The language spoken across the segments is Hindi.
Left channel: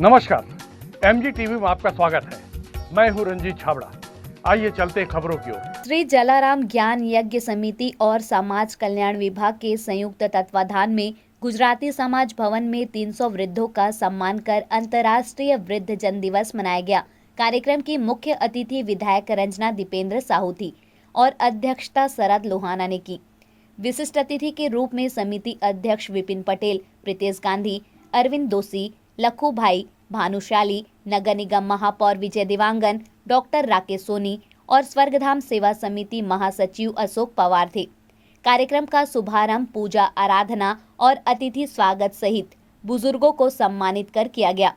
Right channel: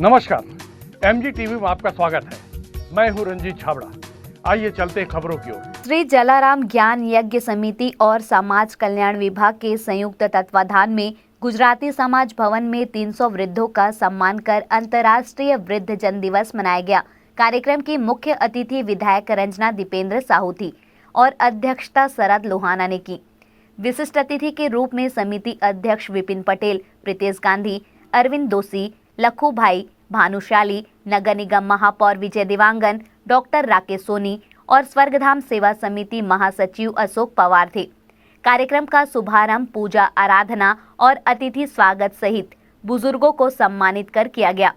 नमस्कार, एमजी टीवी में आपका स्वागत है। मैं हूं रंजीत छाबड़ा। आइए चलते हैं खबरों की ओर। श्री जलाराम ज्ञान यज्ञ समिति और समाज कल्याण विभाग के संयुक्त तत्वाधान में गुजराती समाज भवन में 300 वृद्धों का सम्मान कर अंतर्राष्ट्रीय वृद्ध जन दिवस मनाया गया। कार्यक्रम की मुख्य अतिथि विधायक रंजना दीपेंद्र साहू थी और अध्यक्षता शरद लोहाना ने की। विशिष्ट अतिथि के रूप में समिति अध्यक्ष विपिन पटेल, प्रीतेश गांधी, अरविंद दोषी, लखू भाई, भानुशाली, नगर निगम महापौर विजय देवांगन, डॉक्टर राकेश सोनी और स्वर्गधाम सेवा समिति महासचिव अशोक पवार थे। कार्यक्रम का शुभारंभ पूजा आराधना और अतिथि स्वागत सहित बुजुर्गों को सम्मानित कर किया गया।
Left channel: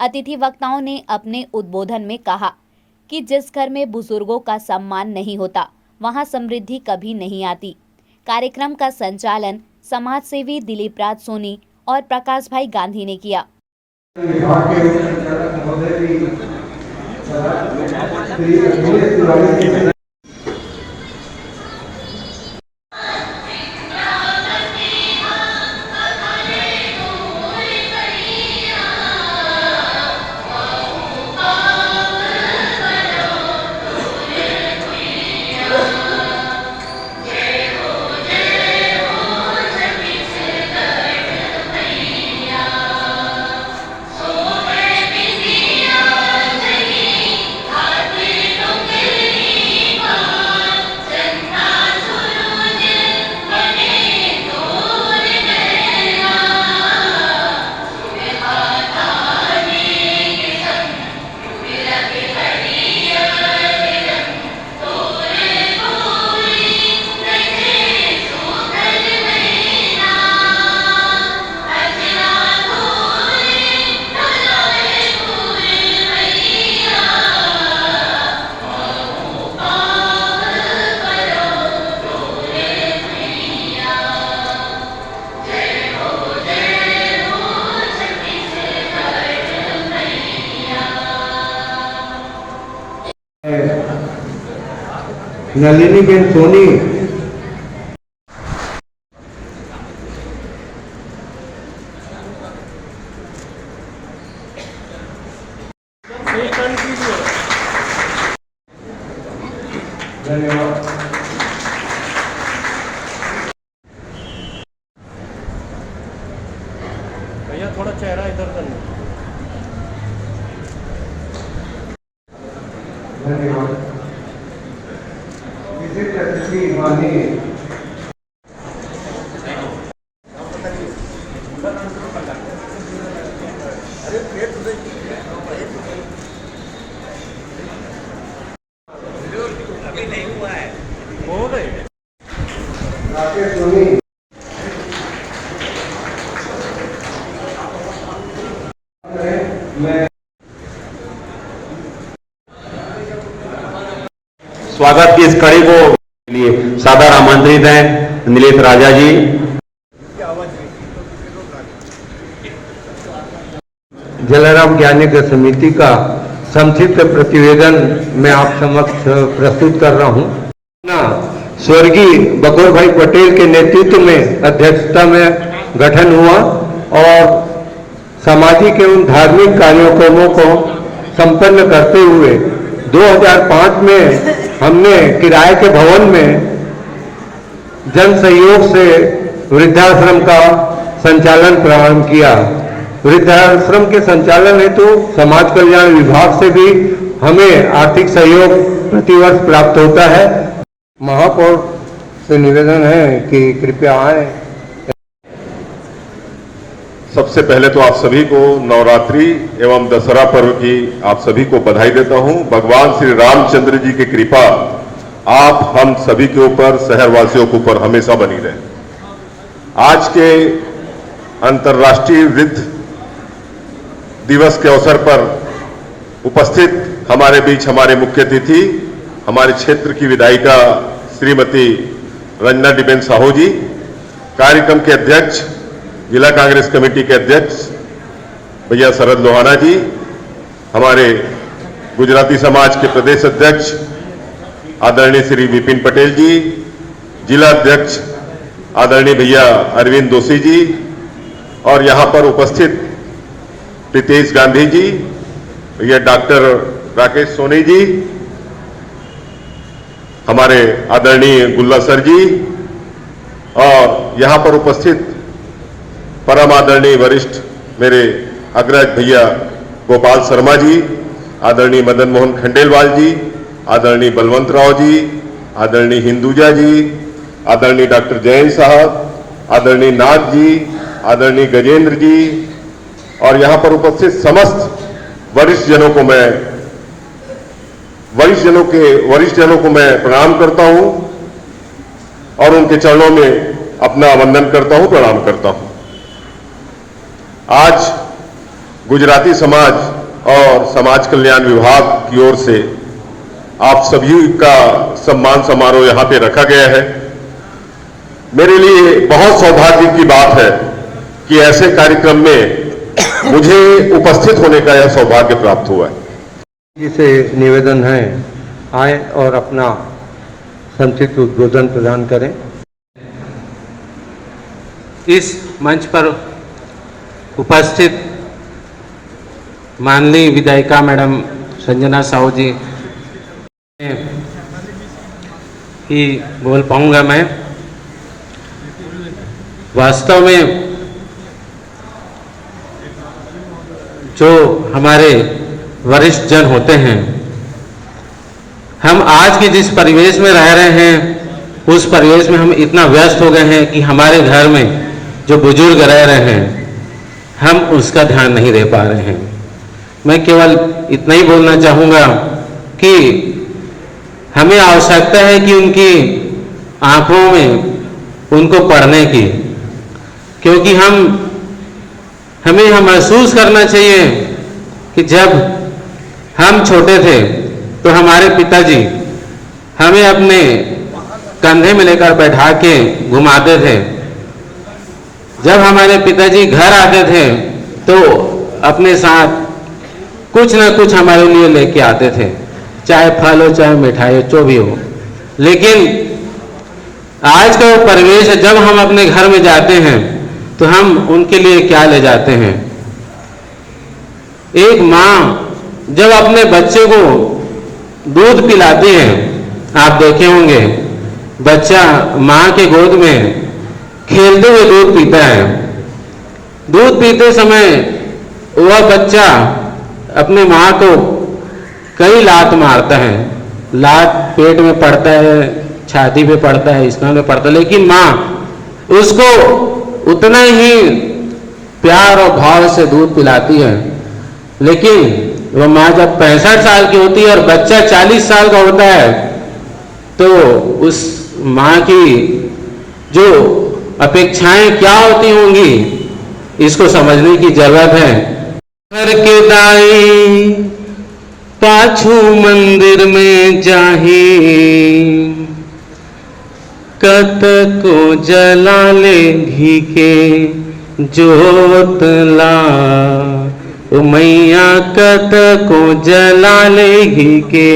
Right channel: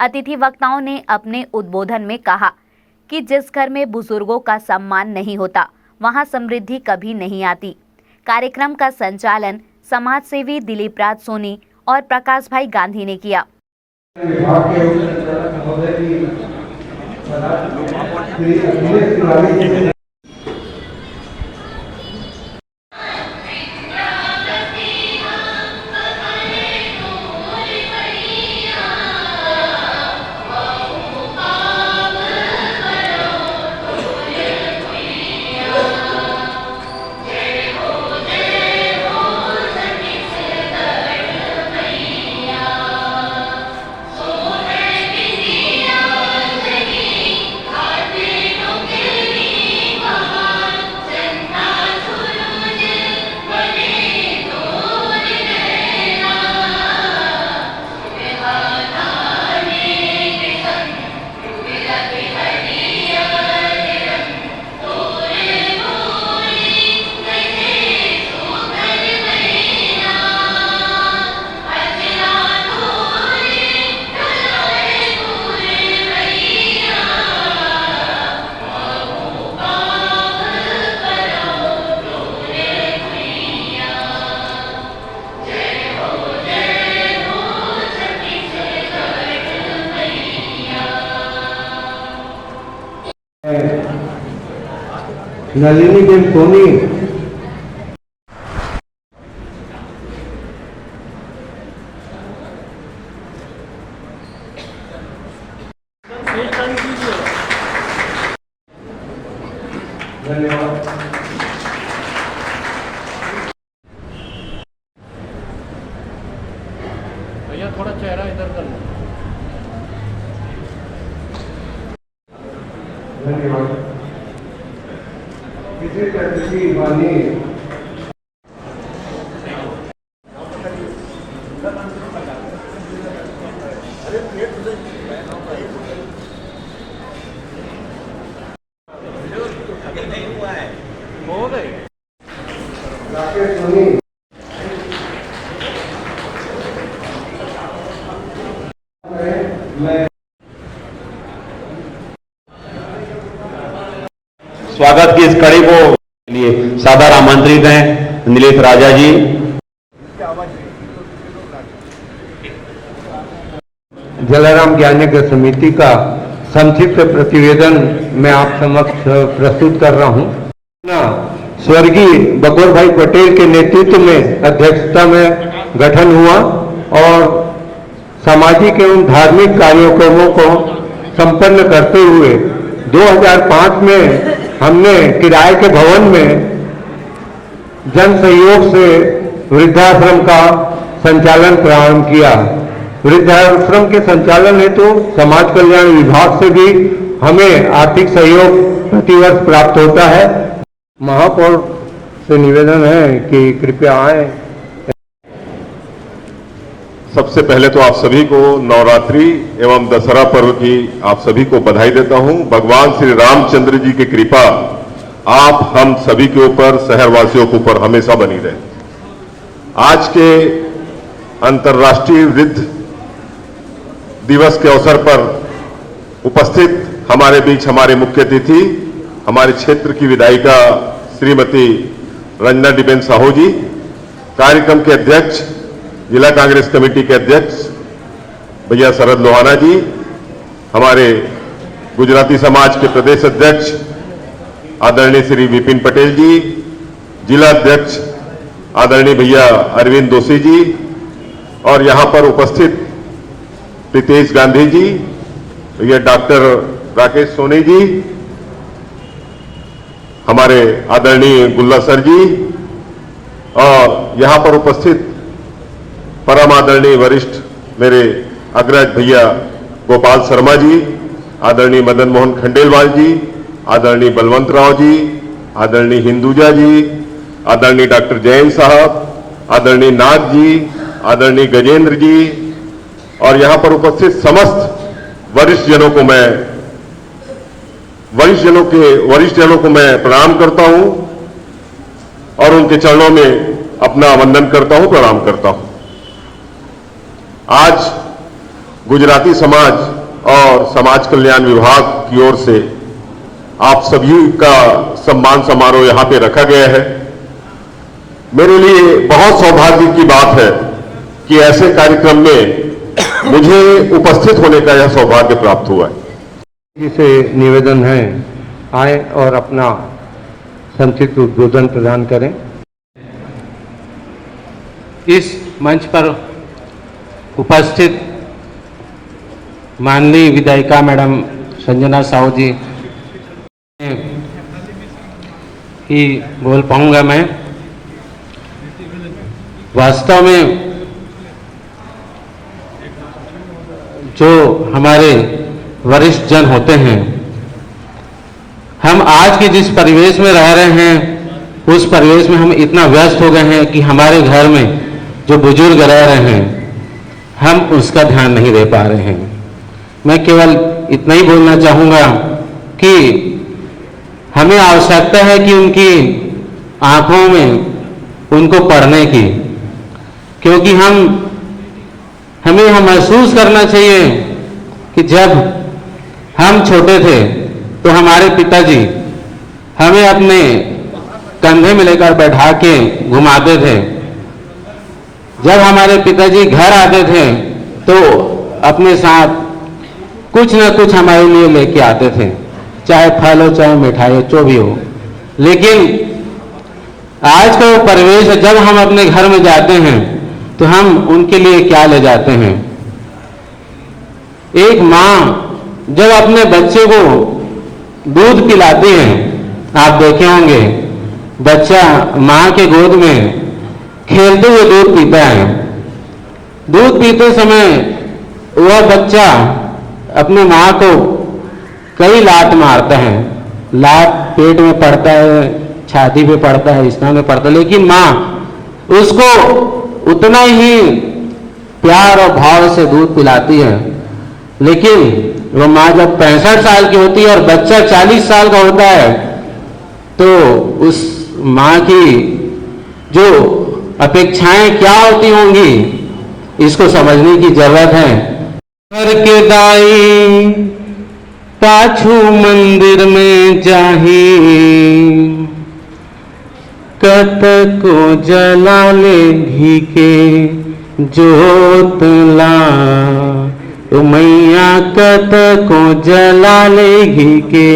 अतिथि वक्ताओं ने अपने उद्बोधन में कहा कि जिस घर में बुजुर्गों का सम्मान नहीं होता, वहां समृद्धि कभी नहीं आती। कार्यक्रम का संचालन समाजसेवी दिलीप राज सोनी और प्रकाश भाई गांधी ने किया। नलिनी बेन सोनी, धन्यवाद। भैया थोड़ा चेहरा इधर करना। धन्यवाद। विशेष अतिथि माननीय राकेश सोनी, स्वागत की इस कड़ी को लिए सादर आमंत्रित हैं नीलेश राजा जी। जलाराम ज्ञान यज्ञ समिति का संक्षिप्त प्रतिवेदन मैं आप समक्ष प्रस्तुत कर रहा हूं। स्वर्गीय बकोर भाई पटेल के नेतृत्व में अध्यक्षता में गठन हुआ और सामाजिक एवं धार्मिक कार्यक्रमों को संपन्न करते हुए 2005 में हमने किराए के भवन में जन सहयोग से वृद्धाश्रम का संचालन प्रारंभ किया। वृद्धाश्रम के संचालन हेतु समाज कल्याण विभाग से भी हमें आर्थिक सहयोग प्रतिवर्ष प्राप्त होता है। महापौर से निवेदन है कि कृपया आए। सबसे पहले तो आप सभी को नवरात्रि एवं दशहरा पर्व की आप सभी को बधाई देता हूं। भगवान श्री रामचंद्र जी की कृपा आप हम सभी के ऊपर, शहरवासियों के ऊपर हमेशा बनी रहे। आज के अंतर्राष्ट्रीय वृद्ध दिवस के अवसर पर उपस्थित हमारे बीच हमारे मुख्य अतिथि, हमारे क्षेत्र की विधायिका श्रीमती रंजना दीपेंद्र साहू जी, कार्यक्रम के अध्यक्ष, जिला कांग्रेस कमेटी के अध्यक्ष भैया शरद लोहाना जी, हमारे गुजराती समाज के प्रदेश अध्यक्ष आदरणीय श्री विपिन पटेल जी, जिला अध्यक्ष आदरणीय भैया अरविंद दोषी जी और यहां पर उपस्थित प्रीतेश गांधी जी, ये डॉक्टर राकेश सोनी जी, हमारे आदरणीय गुल्ला सर जी, और यहां पर उपस्थित परम आदरणीय वरिष्ठ मेरे अग्रज भैया गोपाल शर्मा जी, आदरणीय मदन मोहन खंडेलवाल जी, आदरणीय बलवंत राव जी, आदरणीय हिंदुजा जी, आदरणीय डॉक्टर जैन साहब, आदरणीय नाथ जी, आदरणीय गजेंद्र जी, और यहां पर उपस्थित समस्त वरिष्ठ जनों को मैं प्रणाम करता हूं और उनके चरणों में अपना वंदन करता हूं, प्रणाम करता हूं। आज गुजराती समाज और समाज कल्याण विभाग की ओर से आप सभी का सम्मान समारोह यहां पे रखा गया है। मेरे लिए बहुत सौभाग्य की बात है कि ऐसे कार्यक्रम में मुझे उपस्थित होने का यह सौभाग्य प्राप्त हुआ है। जिसे निवेदन है आए और अपना संक्षिप्त उद्बोधन प्रदान करें। इस मंच पर उपस्थित माननीय विधायिका मैडम संजना साहू जी ही बोल पाऊंगा मैं। वास्तव में जो हमारे वरिष्ठ जन होते हैं, हम आज के जिस परिवेश में रह रहे हैं उस परिवेश में हम इतना व्यस्त हो गए हैं कि हमारे घर में जो बुजुर्ग रह रहे हैं हम उसका ध्यान नहीं दे पा रहे हैं। मैं केवल इतना ही बोलना चाहूँगा कि हमें आवश्यकता है कि उनकी आंखों में उनको पढ़ने की, क्योंकि हमें यह महसूस करना चाहिए कि जब हम छोटे थे तो हमारे पिताजी हमें अपने कंधे में लेकर बैठा के घुमाते थे। जब हमारे पिताजी घर आते थे तो अपने साथ कुछ ना कुछ हमारे लिए लेके आते थे, चाहे फल हो चाहे मिठाई जो भी हो। लेकिन आज का वो परिवेश है, जब हम अपने घर में जाते हैं तो हम उनके लिए क्या ले जाते हैं। एक माँ जब अपने बच्चे को दूध पिलाती है, आप देखे होंगे बच्चा माँ के गोद में खेलते हुए दूध पीता है। दूध पीते समय वह बच्चा अपनी माँ को कई लात मारता है, लात पेट में पड़ता है, छाती पे पड़ता है, स्तन में पड़ता है, लेकिन माँ उसको उतना ही प्यार और भाव से दूध पिलाती है। लेकिन वह माँ जब 65 साल की होती है और बच्चा 40 साल का होता है तो उस माँ की जो अपेक्षाएं क्या होती होंगी इसको समझने की जरूरत है। घर के दाई पाछू मंदिर में जाही, कत को जला ले घी के जोतला, ओ मैया कत को जला ले घी के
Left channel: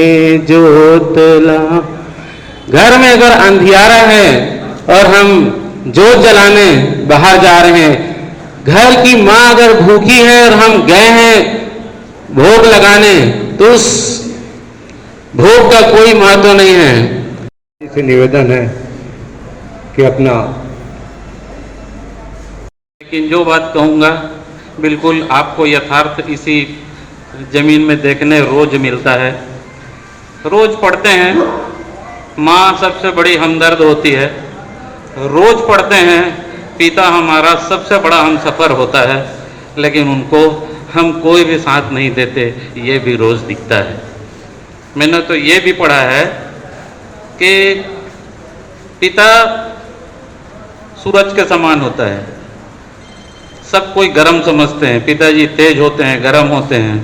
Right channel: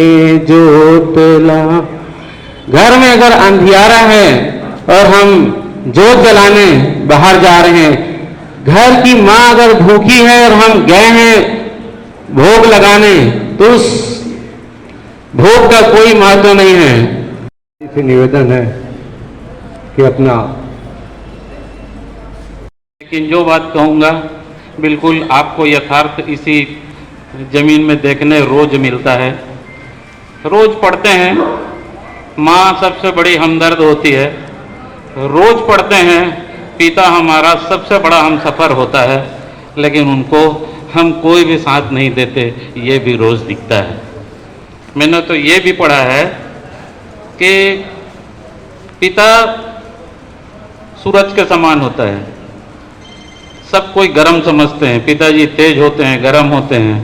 जोतला। घर में अगर अंधियारा है और हम जोत जलाने बाहर जा रहे हैं, घर की माँ अगर भूखी है और हम गए हैं भोग लगाने तो उस भोग का कोई महत्व नहीं है। इसे निवेदन है कि अपना, लेकिन जो बात कहूँगा बिल्कुल आपको यथार्थ इसी जमीन में देखने रोज मिलता है। रोज पढ़ते हैं, माँ सबसे बड़ी हमदर्द होती है। रोज पढ़ते हैं, पिता हमारा सबसे बड़ा हमसफर होता है, लेकिन उनको हम कोई भी साथ नहीं देते, ये भी रोज दिखता है। मैंने तो ये भी पढ़ा है कि पिता सूरज के समान होता है। सब कोई गर्म समझते हैं, पिताजी तेज होते हैं, गर्म होते हैं,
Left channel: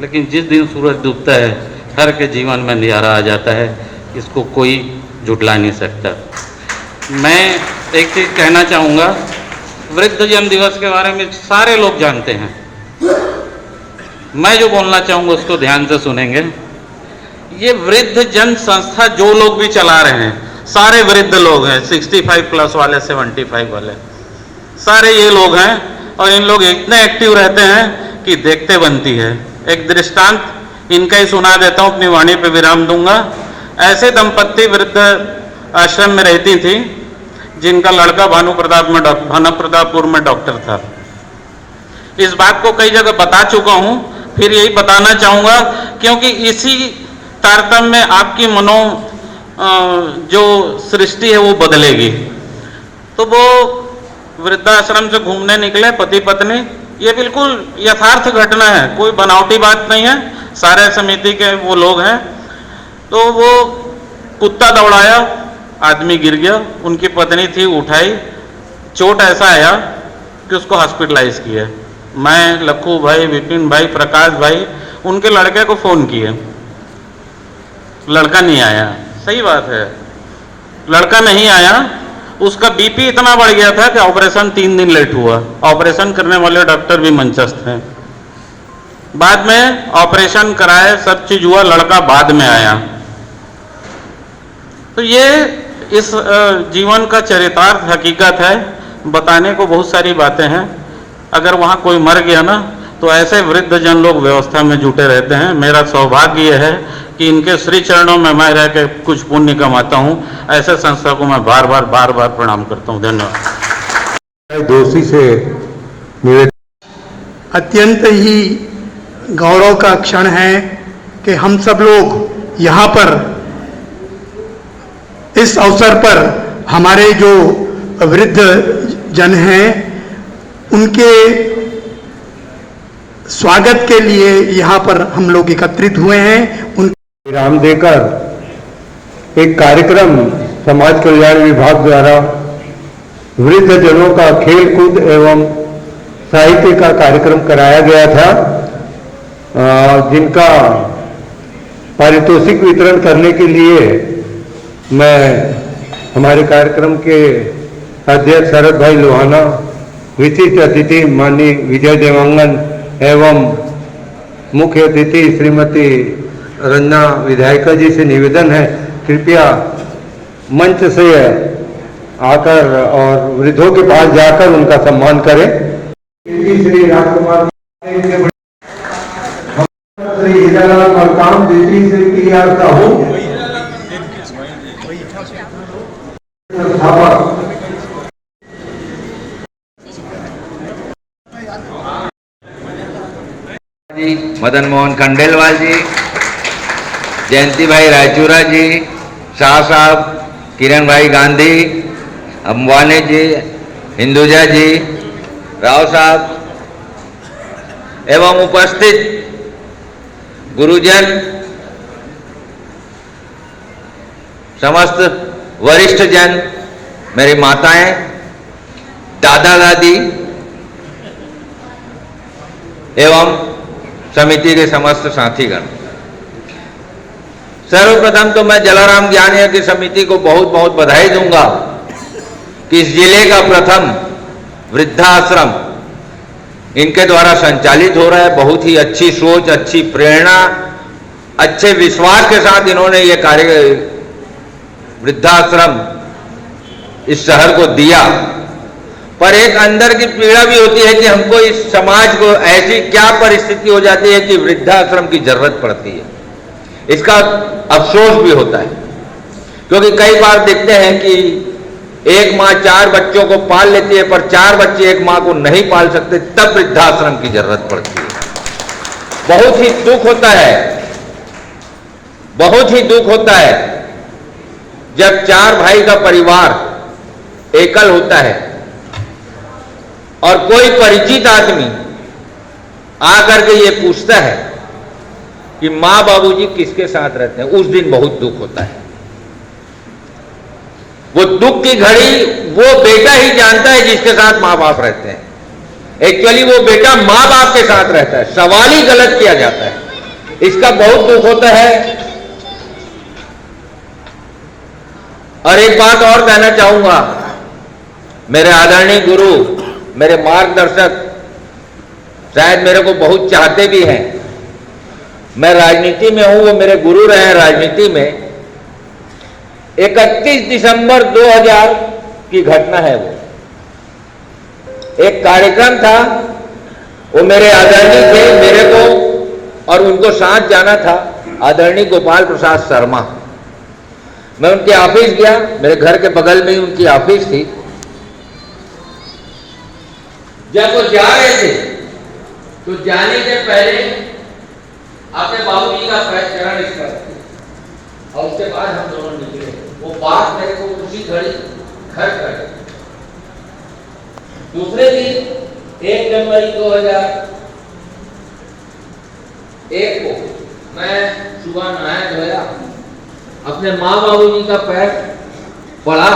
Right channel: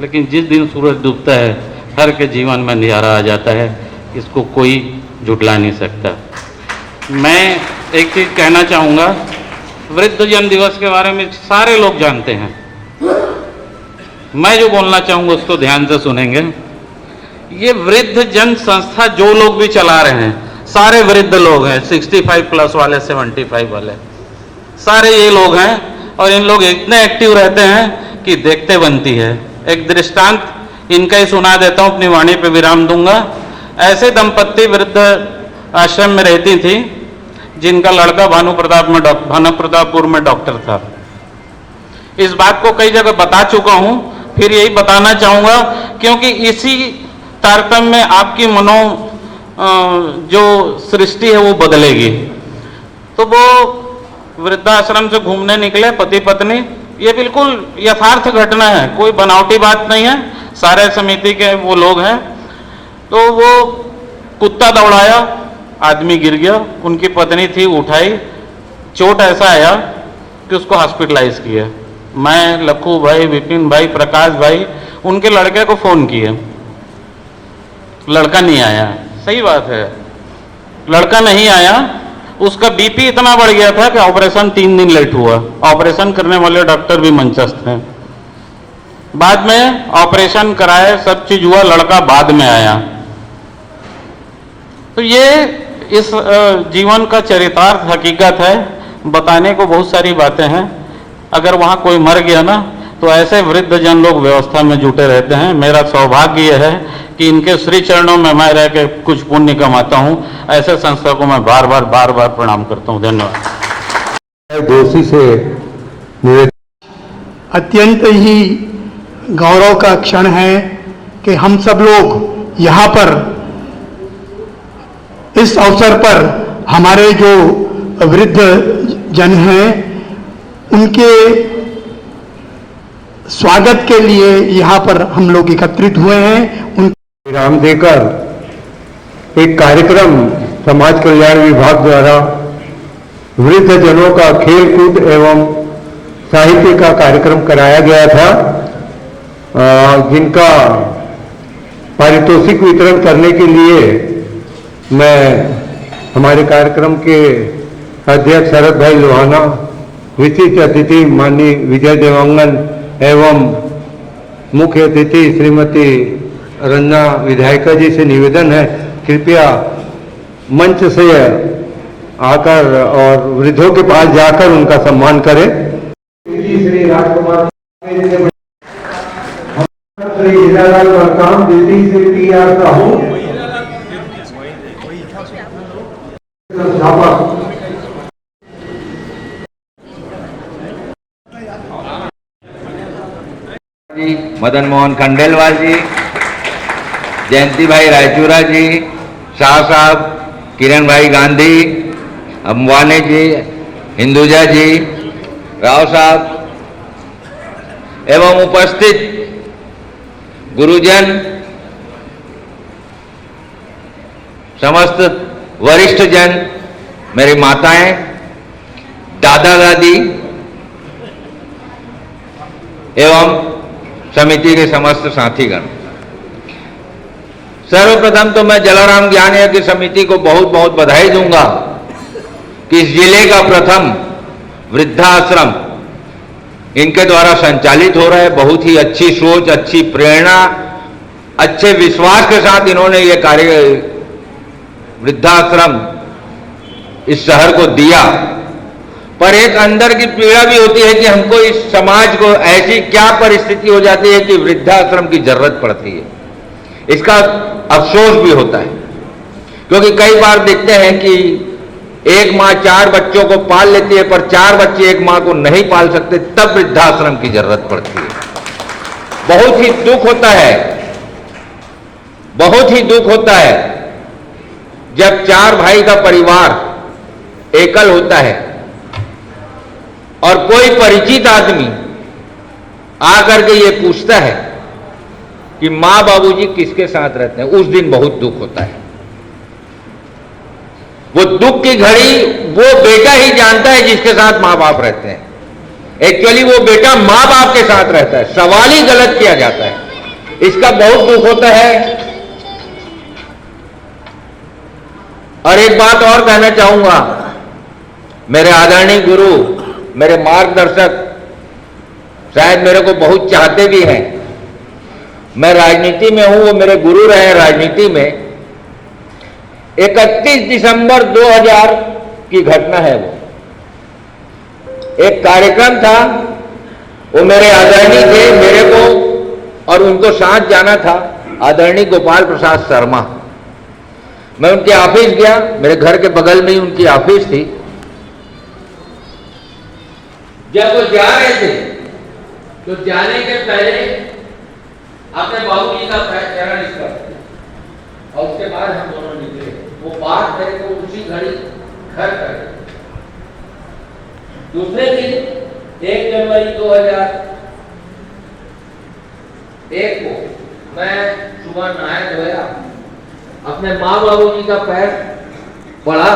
लेकिन जिस दिन सूरज डूबता है हर के जीवन में अंधियारा आ जाता है। इसको कोई झुठला नहीं सकता। मैं एक चीज़ कहना चाहूँगा, वृद्धजन दिवस के बारे में सारे लोग जानते हैं। मैं जो बोलना चाहूँगा उसको ध्यान से सुनेंगे। ये वृद्धजन संस्था जो लोग भी चला रहे हैं, सारे वृद्ध लोग हैं, 65 प्लस वाले, 75 वाले, सारे ये लोग हैं। और इन लोग इतने एक्टिव रहते हैं कि देखते बनती है। एक दृष्टांत इनका ही सुना देता हूं, अपनी वाणी पे विराम दूंगा। ऐसे दंपत्ति वृद्ध आश्रम में रहती थी जिनका लड़का भानुप्रतापपुर में डॉक्टर था। इस बात को कई जगह बता चुका हूं, फिर यही बताना चाहूंगा, क्योंकि इसी तारतम्य में आपकी जो सृष्टि है वो बदलेगी। तो वो वृद्धाश्रम से घूमने निकले पति पत्नी। ये बिल्कुल यथार्थ घटना है, कोई बनावटी बात नहीं है, सारे समिति के वो लोग हैं। तो वो कुत्ता दौड़ाया, आदमी गिर गया, उनकी पत्नी थी, उठाई, चोट ऐसा आया कि उसको हॉस्पिटलाइज किया। मैं, लखू भाई, विपिन भाई, प्रकाश भाई, उनके लड़के को फोन किए, लड़का नहीं आया। सही बात है, लड़का नहीं आया। उसका बीपी इतना बढ़ गया था कि ऑपरेशन 3 दिन लेट हुआ। ऑपरेशन करने वाले डॉक्टर भी मंचस्थ हैं। बाद में ऑपरेशन कराए, सब चीज हुआ, लड़का बाद में आया। तो ये इस जीवन का चरितार्थ हकीकत है। बताने को बहुत सारी बातें हैं। अगर वहां कोई मर गया ना, तो ऐसे वृद्ध जन लोग व्यवस्था में जुटे रहते हैं। मेरा सौभाग्य यह है कि इनके श्री चरणों में मैं रह के कुछ पुण्य कमाता हूं। ऐसे संस्था को मैं बार बार प्रणाम करता हूं। धन्यवाद। दोषी से निवेदन, अत्यंत ही गौरव का क्षण है कि हम सब लोग यहाँ पर इस अवसर पर हमारे जो वृद्ध जन हैं उनके स्वागत के लिए यहाँ पर हम लोग एकत्रित हुए हैं। विराम देकर एक कार्यक्रम समाज कल्याण विभाग द्वारा वृद्ध जनों का खेल कूद एवं साहित्य का कार्यक्रम कराया गया था, जिनका पारितोषिक वितरण करने के लिए मैं हमारे कार्यक्रम के अध्यक्ष शरद भाई लोहाना, विशिष्ट अतिथि माननीय विजय देवांगन एवं मुख्य अतिथि श्रीमती रंजना विधायिका जी से निवेदन है, कृपया मंच से आकर और वृद्धों के पास जाकर उनका सम्मान करें। श्री राजकुमार श्री हीरालाल मरकाम, द्वितीय श्री PR साहू, संस्थापक जी, मदन मोहन खंडेलवाल जी, जयंती भाई रायचूरा जी, शाह साहब, किरण भाई गांधी, अम्बानी जी, हिंदुजा जी, राव साहब एवं उपस्थित गुरुजन, समस्त वरिष्ठ जन, मेरी माताएं, दादा दादी एवं समिति के समस्त साथीगण, सर्वप्रथम तो मैं जलाराम ज्ञान यज्ञ समिति को बहुत बहुत बधाई दूंगा कि इस जिले का प्रथम वृद्धाश्रम इनके द्वारा संचालित हो रहा है। बहुत ही अच्छी सोच, अच्छी प्रेरणा, अच्छे विश्वास के साथ इन्होंने ये कार्य वृद्धाश्रम इस शहर को दिया। पर एक अंदर की पीड़ा भी होती है कि हमको इस समाज को ऐसी क्या परिस्थिति हो जाती है कि वृद्धाश्रम की जरूरत पड़ती है। इसका अफसोस भी होता है, क्योंकि कई बार देखते हैं कि एक माँ 4 बच्चों को पाल लेती है, पर 4 बच्चे एक माँ को नहीं पाल सकते, तब वृद्धाश्रम की जरूरत पड़ती है। बहुत ही दुख होता है, बहुत ही दुख होता है जब 4 भाई का परिवार एकल होता है और कोई परिचित आदमी आकर के ये पूछता है कि माँ बाबूजी किसके साथ रहते हैं। उस दिन बहुत दुख होता है। वो दुख की घड़ी वो बेटा ही जानता है जिसके साथ माँ बाप रहते हैं। एक्चुअली वो बेटा माँ बाप के साथ रहता है, सवाल ही गलत किया जाता है। इसका बहुत दुख होता है। और एक बात और कहना चाहूंगा, मेरे आदरणीय गुरु, मेरे मार्गदर्शक शायद मेरे को बहुत चाहते भी हैं। मैं राजनीति में हूं, वो मेरे गुरु रहे राजनीति में। 31 दिसंबर 2000 की घटना है। वो एक कार्यक्रम था, वो मेरे आदरणीय थे, मेरे को और उनको साथ जाना था आदरणीय गोपाल प्रसाद शर्मा। मैं उनके ऑफिस गया, मेरे घर के बगल में ही उनकी ऑफिस थी। जब वो जा रहे थे तो जाने के पहले अपने बाबूजी का चरण स्पर्श और उसके बाद हम दोनों निकले। वो बात मेरे को उसी घड़ी घर कर। दूसरे दिन 1 जनवरी 2001 को मैं सुबह नहाया धोया, अपने माँ बाबूजी का पैर पड़ा,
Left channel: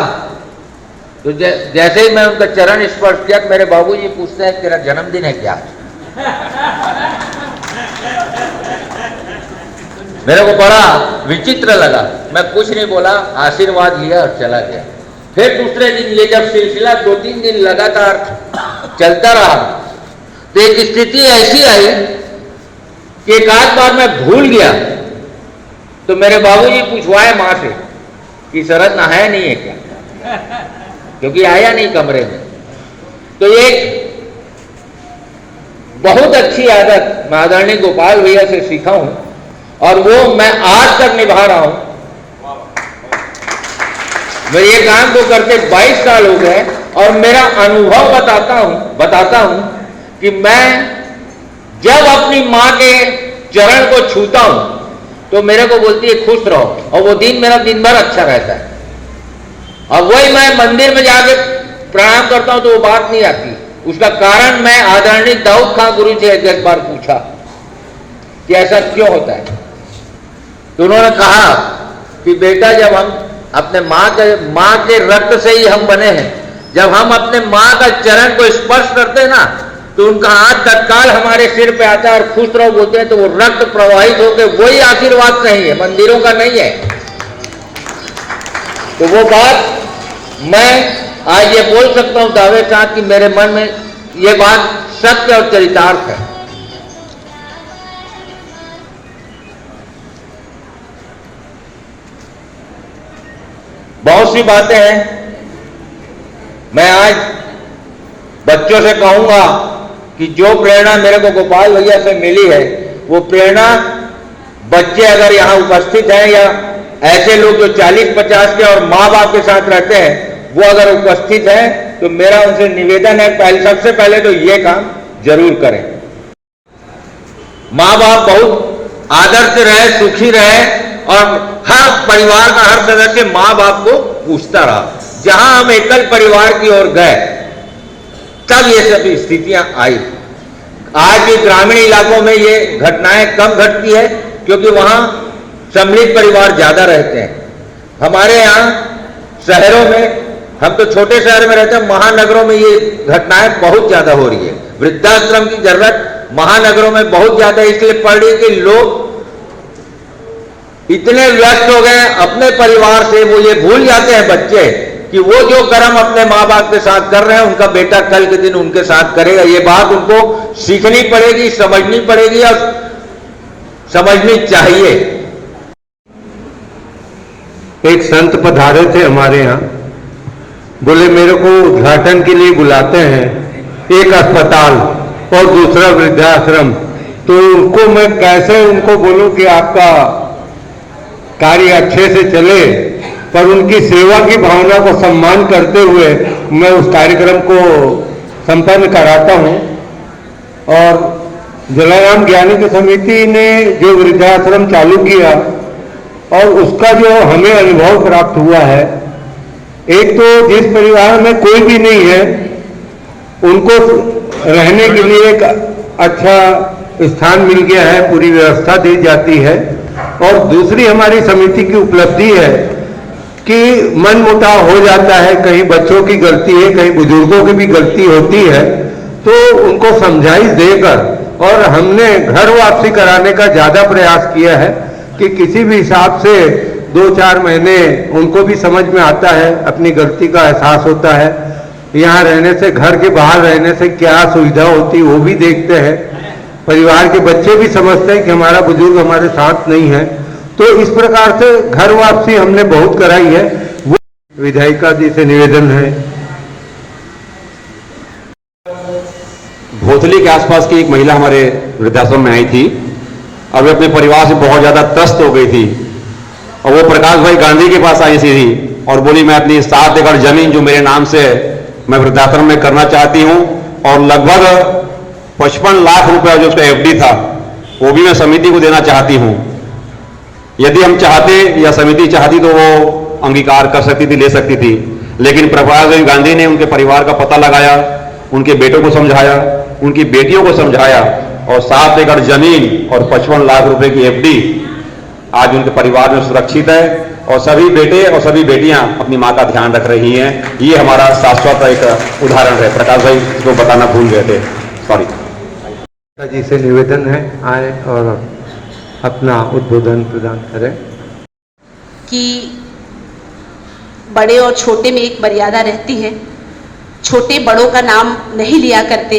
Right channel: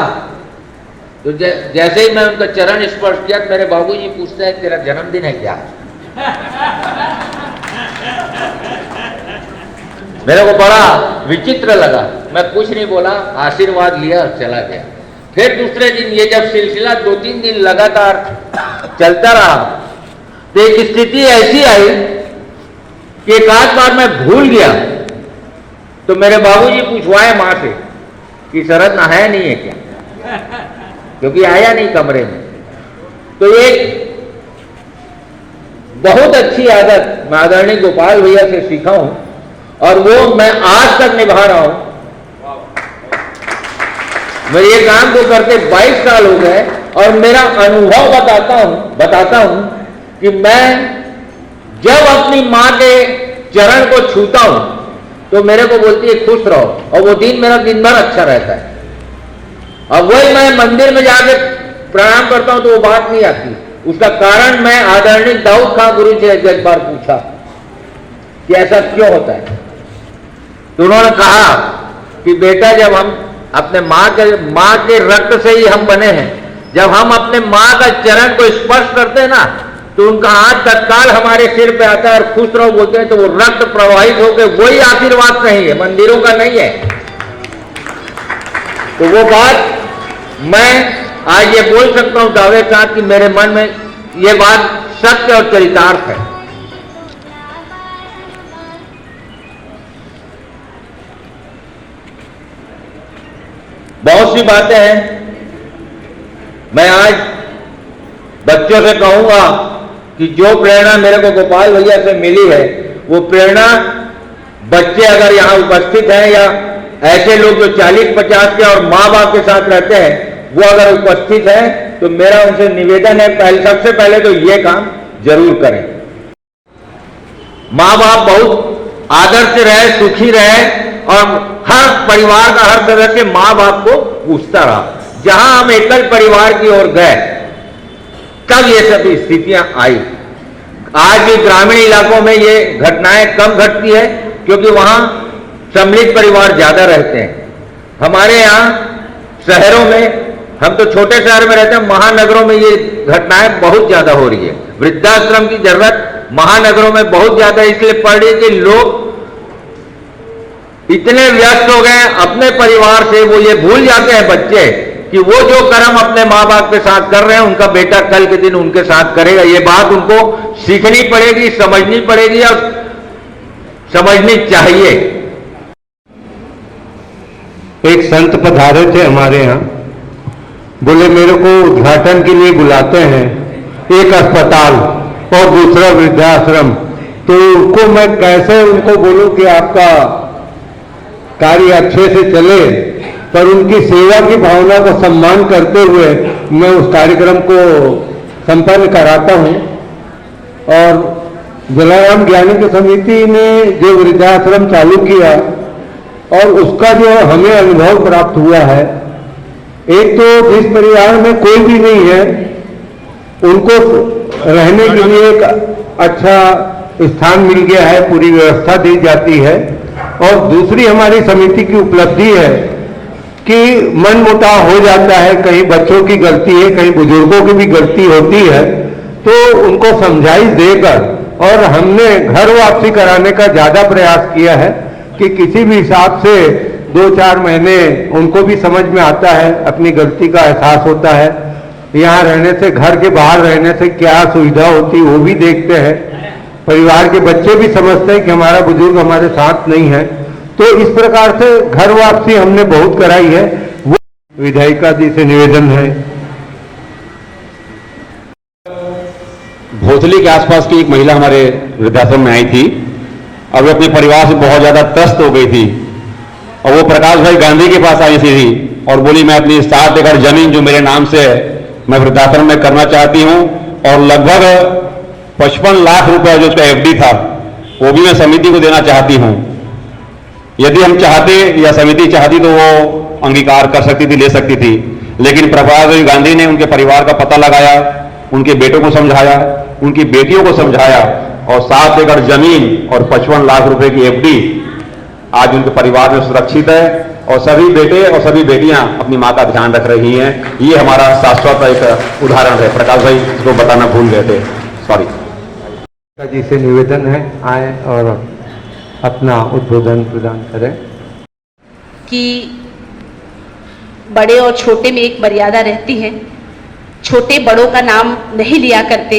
तो जैसे ही मैं उनका चरण स्पर्श किया, मेरे बाबूजी पूछते हैं तेरा जन्मदिन है क्या? मेरे को बड़ा विचित्र लगा, मैं कुछ नहीं बोला, आशीर्वाद लिया और चला गया। फिर दूसरे दिन ये जब सिलसिला 2-3 दिन लगातार चलता रहा तो एक स्थिति ऐसी आई कि एक आध बार मैं भूल गया, तो मेरे बाबूजी पूछवाए मां से कि शरद नहाया नहीं है क्या, क्योंकि आया नहीं कमरे में। तो एक बहुत अच्छी आदत मैं आदरणीय गोपाल भैया से सीखा हूं और वो मैं आज तक निभा रहा हूं। मैं ये काम को करते 22 साल हो गए और मेरा अनुभव बताता हूं कि मैं जब अपनी मां के चरण को छूता हूं तो मेरे को बोलती है खुश रहो, और वो दिन मेरा दिन भर अच्छा रहता है। अब वही मैं मंदिर में जाके प्रणाम करता हूं तो वो बात नहीं आती। उसका कारण मैं आदरणीय दाऊद खां गुरु से एक बार पूछा कि ऐसा क्यों होता है, तो उन्होंने कहा कि बेटा जब हम अपने माँ के रक्त से ही हम बने हैं, जब हम अपने माँ का चरण को स्पर्श करते हैं ना तो उनका हाथ तत्काल हमारे सिर पे आता है और खुश रहो बोलते हैं, तो वो रक्त प्रवाहित होकर वही आशीर्वाद नहीं है, मंदिरों का नहीं है। तो वो बात मैं आज ये बोल सकता हूं दावे के साथ कि मेरे मन में ये बात सत्य और चरितार्थ है। बहुत सी बातें हैं। मैं आज बच्चों से कहूंगा कि जो प्रेरणा मेरे को गोपाल भैया से मिली है, वो प्रेरणा बच्चे अगर यहाँ उपस्थित हैं या ऐसे लोग जो 40-50 के और माँ बाप के साथ रहते हैं वो अगर उपस्थित हैं, तो मेरा उनसे निवेदन है सबसे पहले तो ये काम जरूर करें। माँ बाप बहुत आदर से रहे, सुखी रहे और हर परिवार का हर सदस्य माँ बाप को पूछता रहा। जहां हम एकल परिवार की ओर गए तब ये सभी स्थितियां आई। आज भी ग्रामीण इलाकों में ये घटनाएं कम घटती है क्योंकि वहां सम्मिलित परिवार ज्यादा रहते हैं। हमारे यहाँ शहरों में, हम तो छोटे शहर में रहते हैं, महानगरों में ये घटनाएं बहुत ज्यादा हो रही है। वृद्धाश्रम की जरूरत महानगरों में बहुत ज्यादा इसलिए पड़ रही है कि लोग इतने व्यस्त हो गए अपने परिवार से, वो ये भूल जाते हैं बच्चे कि वो जो कर्म अपने माँ बाप के साथ कर रहे हैं उनका बेटा कल के दिन उनके साथ करेगा। ये बात उनको सीखनी पड़ेगी, समझनी पड़ेगी और समझनी चाहिए। एक संत पधारे थे हमारे यहाँ, बोले मेरे को उद्घाटन के लिए बुलाते हैं, एक अस्पताल और दूसरा वृद्धाश्रम, तो उनको मैं कैसे उनको बोलूं कि आपका कार्य अच्छे से चले, पर उनकी सेवा की भावना को सम्मान करते हुए मैं उस कार्यक्रम को संपन्न कराता हूं। और जलाराम ज्ञानिक समिति ने जो वृद्धाश्रम चालू किया और उसका जो हमें अनुभव प्राप्त हुआ है, एक तो जिस परिवार में कोई भी नहीं है उनको रहने के लिए एक अच्छा स्थान मिल गया है, पूरी व्यवस्था दी जाती है। और दूसरी हमारी समिति की उपलब्धि है कि मनमुटाव हो जाता है, कहीं बच्चों की गलती है, कहीं बुजुर्गों की भी गलती होती है, तो उनको समझाइश देकर और हमने घर वापसी कराने का ज्यादा प्रयास किया है कि किसी भी हिसाब से 2-4 महीने उनको भी समझ में आता है, अपनी गलती का एहसास होता है। यहाँ रहने से, घर के बाहर रहने से क्या सुविधा होती है वो भी देखते हैं। परिवार के बच्चे भी समझते हैं कि हमारा बुजुर्ग हमारे साथ नहीं है। तो इस प्रकार से घर वापसी हमने बहुत कराई है। वो विधायिका जी से निवेदन है, कोथली के आसपास की एक महिला हमारे वृद्धाश्रम में आई थी और वे अपने परिवार से बहुत ज्यादा त्रस्त हो गई थी और वो प्रकाश भाई गांधी के पास आई थी और बोली मैं अपनी 7 एकड़ जमीन जो मेरे नाम से है मैं वृद्धाश्रम में करना चाहती हूं और लगभग 55 लाख रुपया जो उसका एफडी था वो भी मैं समिति को देना चाहती हूं। यदि हम चाहते या समिति चाहती तो वो अंगीकार कर सकती थी, ले सकती थी, लेकिन प्रकाश गांधी ने उनके परिवार का पता लगाया, उनके बेटों को समझाया, उनकी बेटियों को समझाया और 7 एकड़ जमीन और 55 लाख रुपए की एफडी आज उनके परिवार में सुरक्षित है और सभी बेटे और सभी बेटियां अपनी मां का ध्यान रख रही हैं। ये हमारा शाश्वत एक उदाहरण है। प्रकाश भाई इसको बताना भूल गए थे, सॉरी। जी से निवेदन है आए और अपना उद्बोधन प्रदान करें कि बड़े और छोटे में एक मर्यादा रहती है। छोटे बड़ों का नाम नहीं लिया करते,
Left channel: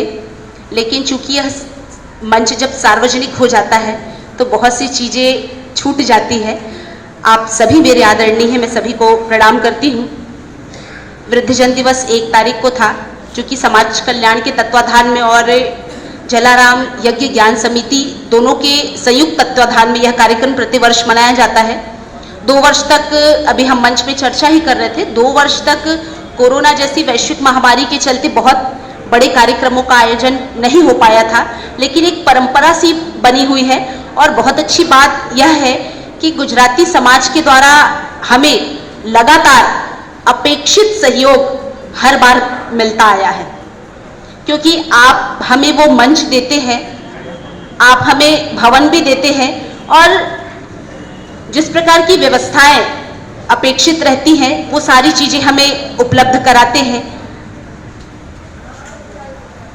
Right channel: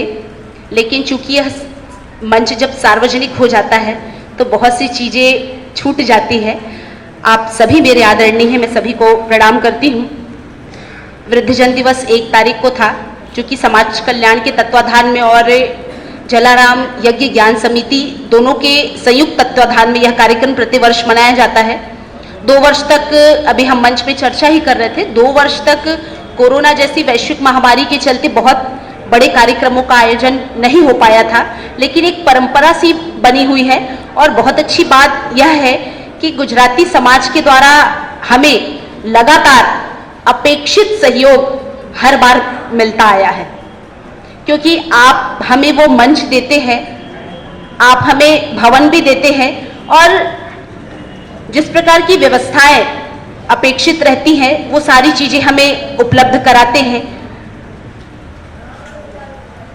लेकिन चूंकि यह मंच जब सार्वजनिक हो जाता है तो बहुत सी चीज़ें छूट जाती है। आप सभी मेरे आदरणीय हैं, मैं सभी को प्रणाम करती हूँ। वृद्धजन दिवस 1 तारीख को था, चूँकि समाज कल्याण के तत्वाधान में और जलाराम यज्ञ ज्ञान समिति दोनों के संयुक्त तत्वाधान में यह कार्यक्रम प्रतिवर्ष मनाया जाता है। 2 वर्ष तक, अभी हम मंच में चर्चा ही कर रहे थे, 2 वर्ष तक कोरोना जैसी वैश्विक महामारी के चलते बहुत बड़े कार्यक्रमों का आयोजन नहीं हो पाया था, लेकिन एक परंपरा सी बनी हुई है। और बहुत अच्छी बात यह है कि गुजराती समाज के द्वारा हमें लगातार अपेक्षित सहयोग हर बार मिलता आया है, क्योंकि आप हमें वो मंच देते हैं, आप हमें भवन भी देते हैं और जिस प्रकार की व्यवस्थाएं अपेक्षित रहती हैं वो सारी चीजें हमें उपलब्ध कराते हैं।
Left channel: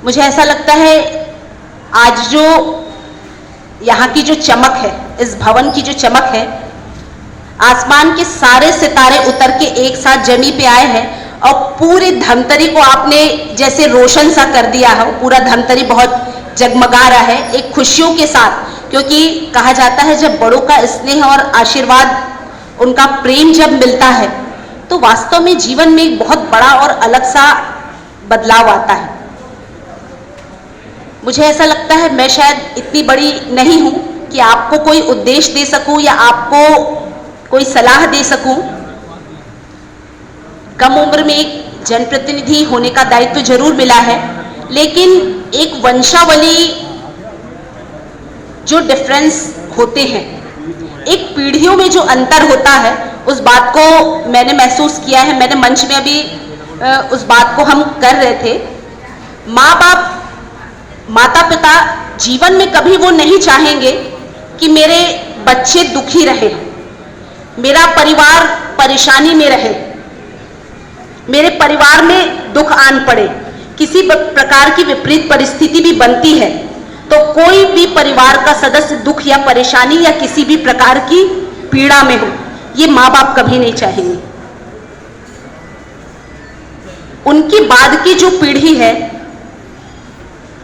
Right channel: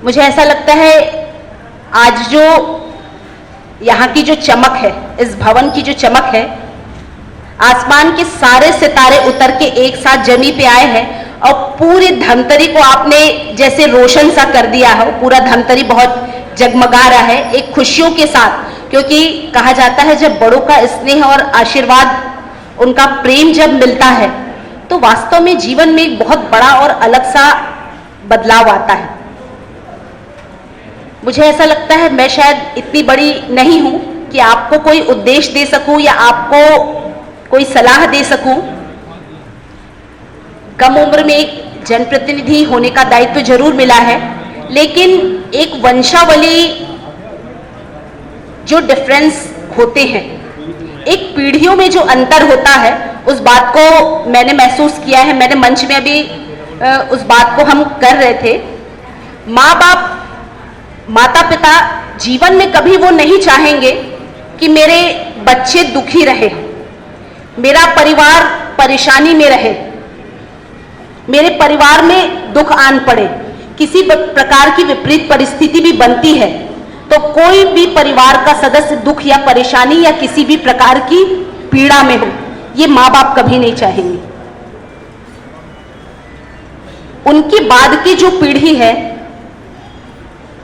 मुझे ऐसा लगता है आज जो यहाँ की जो चमक है, इस भवन की जो चमक है, आसमान के सारे सितारे उतर के एक साथ जमी पे आए हैं और पूरे धमतरी को आपने जैसे रोशन सा कर दिया हो। पूरा धमतरी बहुत जगमगा रहा है एक खुशियों के साथ, क्योंकि कहा जाता है जब बड़ों का स्नेह और आशीर्वाद, उनका प्रेम जब मिलता है तो वास्तव में जीवन में एक बहुत बड़ा और अलग सा बदलाव आता है। मुझे ऐसा लगता है मैं शायद इतनी बड़ी नहीं हूं कि आपको कोई उद्देश्य दे सकूं या आपको कोई सलाह दे सकूं। कम उम्र में एक जनप्रतिनिधि होने का दायित्व जरूर मिला है, लेकिन एक वंशावली जो डिफरेंस होते हैं, एक पीढ़ियों में जो अंतर होता है, उस बात को मैंने महसूस किया है। मैंने मंच में अभी उस बात को हम कर रहे थे। माँ बाप, माता पिता जीवन में कभी वो नहीं चाहेंगे कि मेरे बच्चे दुखी रहे, मेरा परिवार परेशानी में रहे, मेरे परिवार में दुख आन पड़े। किसी प्रकार की विपरीत परिस्थिति भी बनती है तो कोई भी परिवार का सदस्य दुख या परेशानी या किसी भी प्रकार की पीड़ा में हो, ये माँ बाप कभी नहीं चाहेंगे। उनकी बाद की जो पीढ़ी है,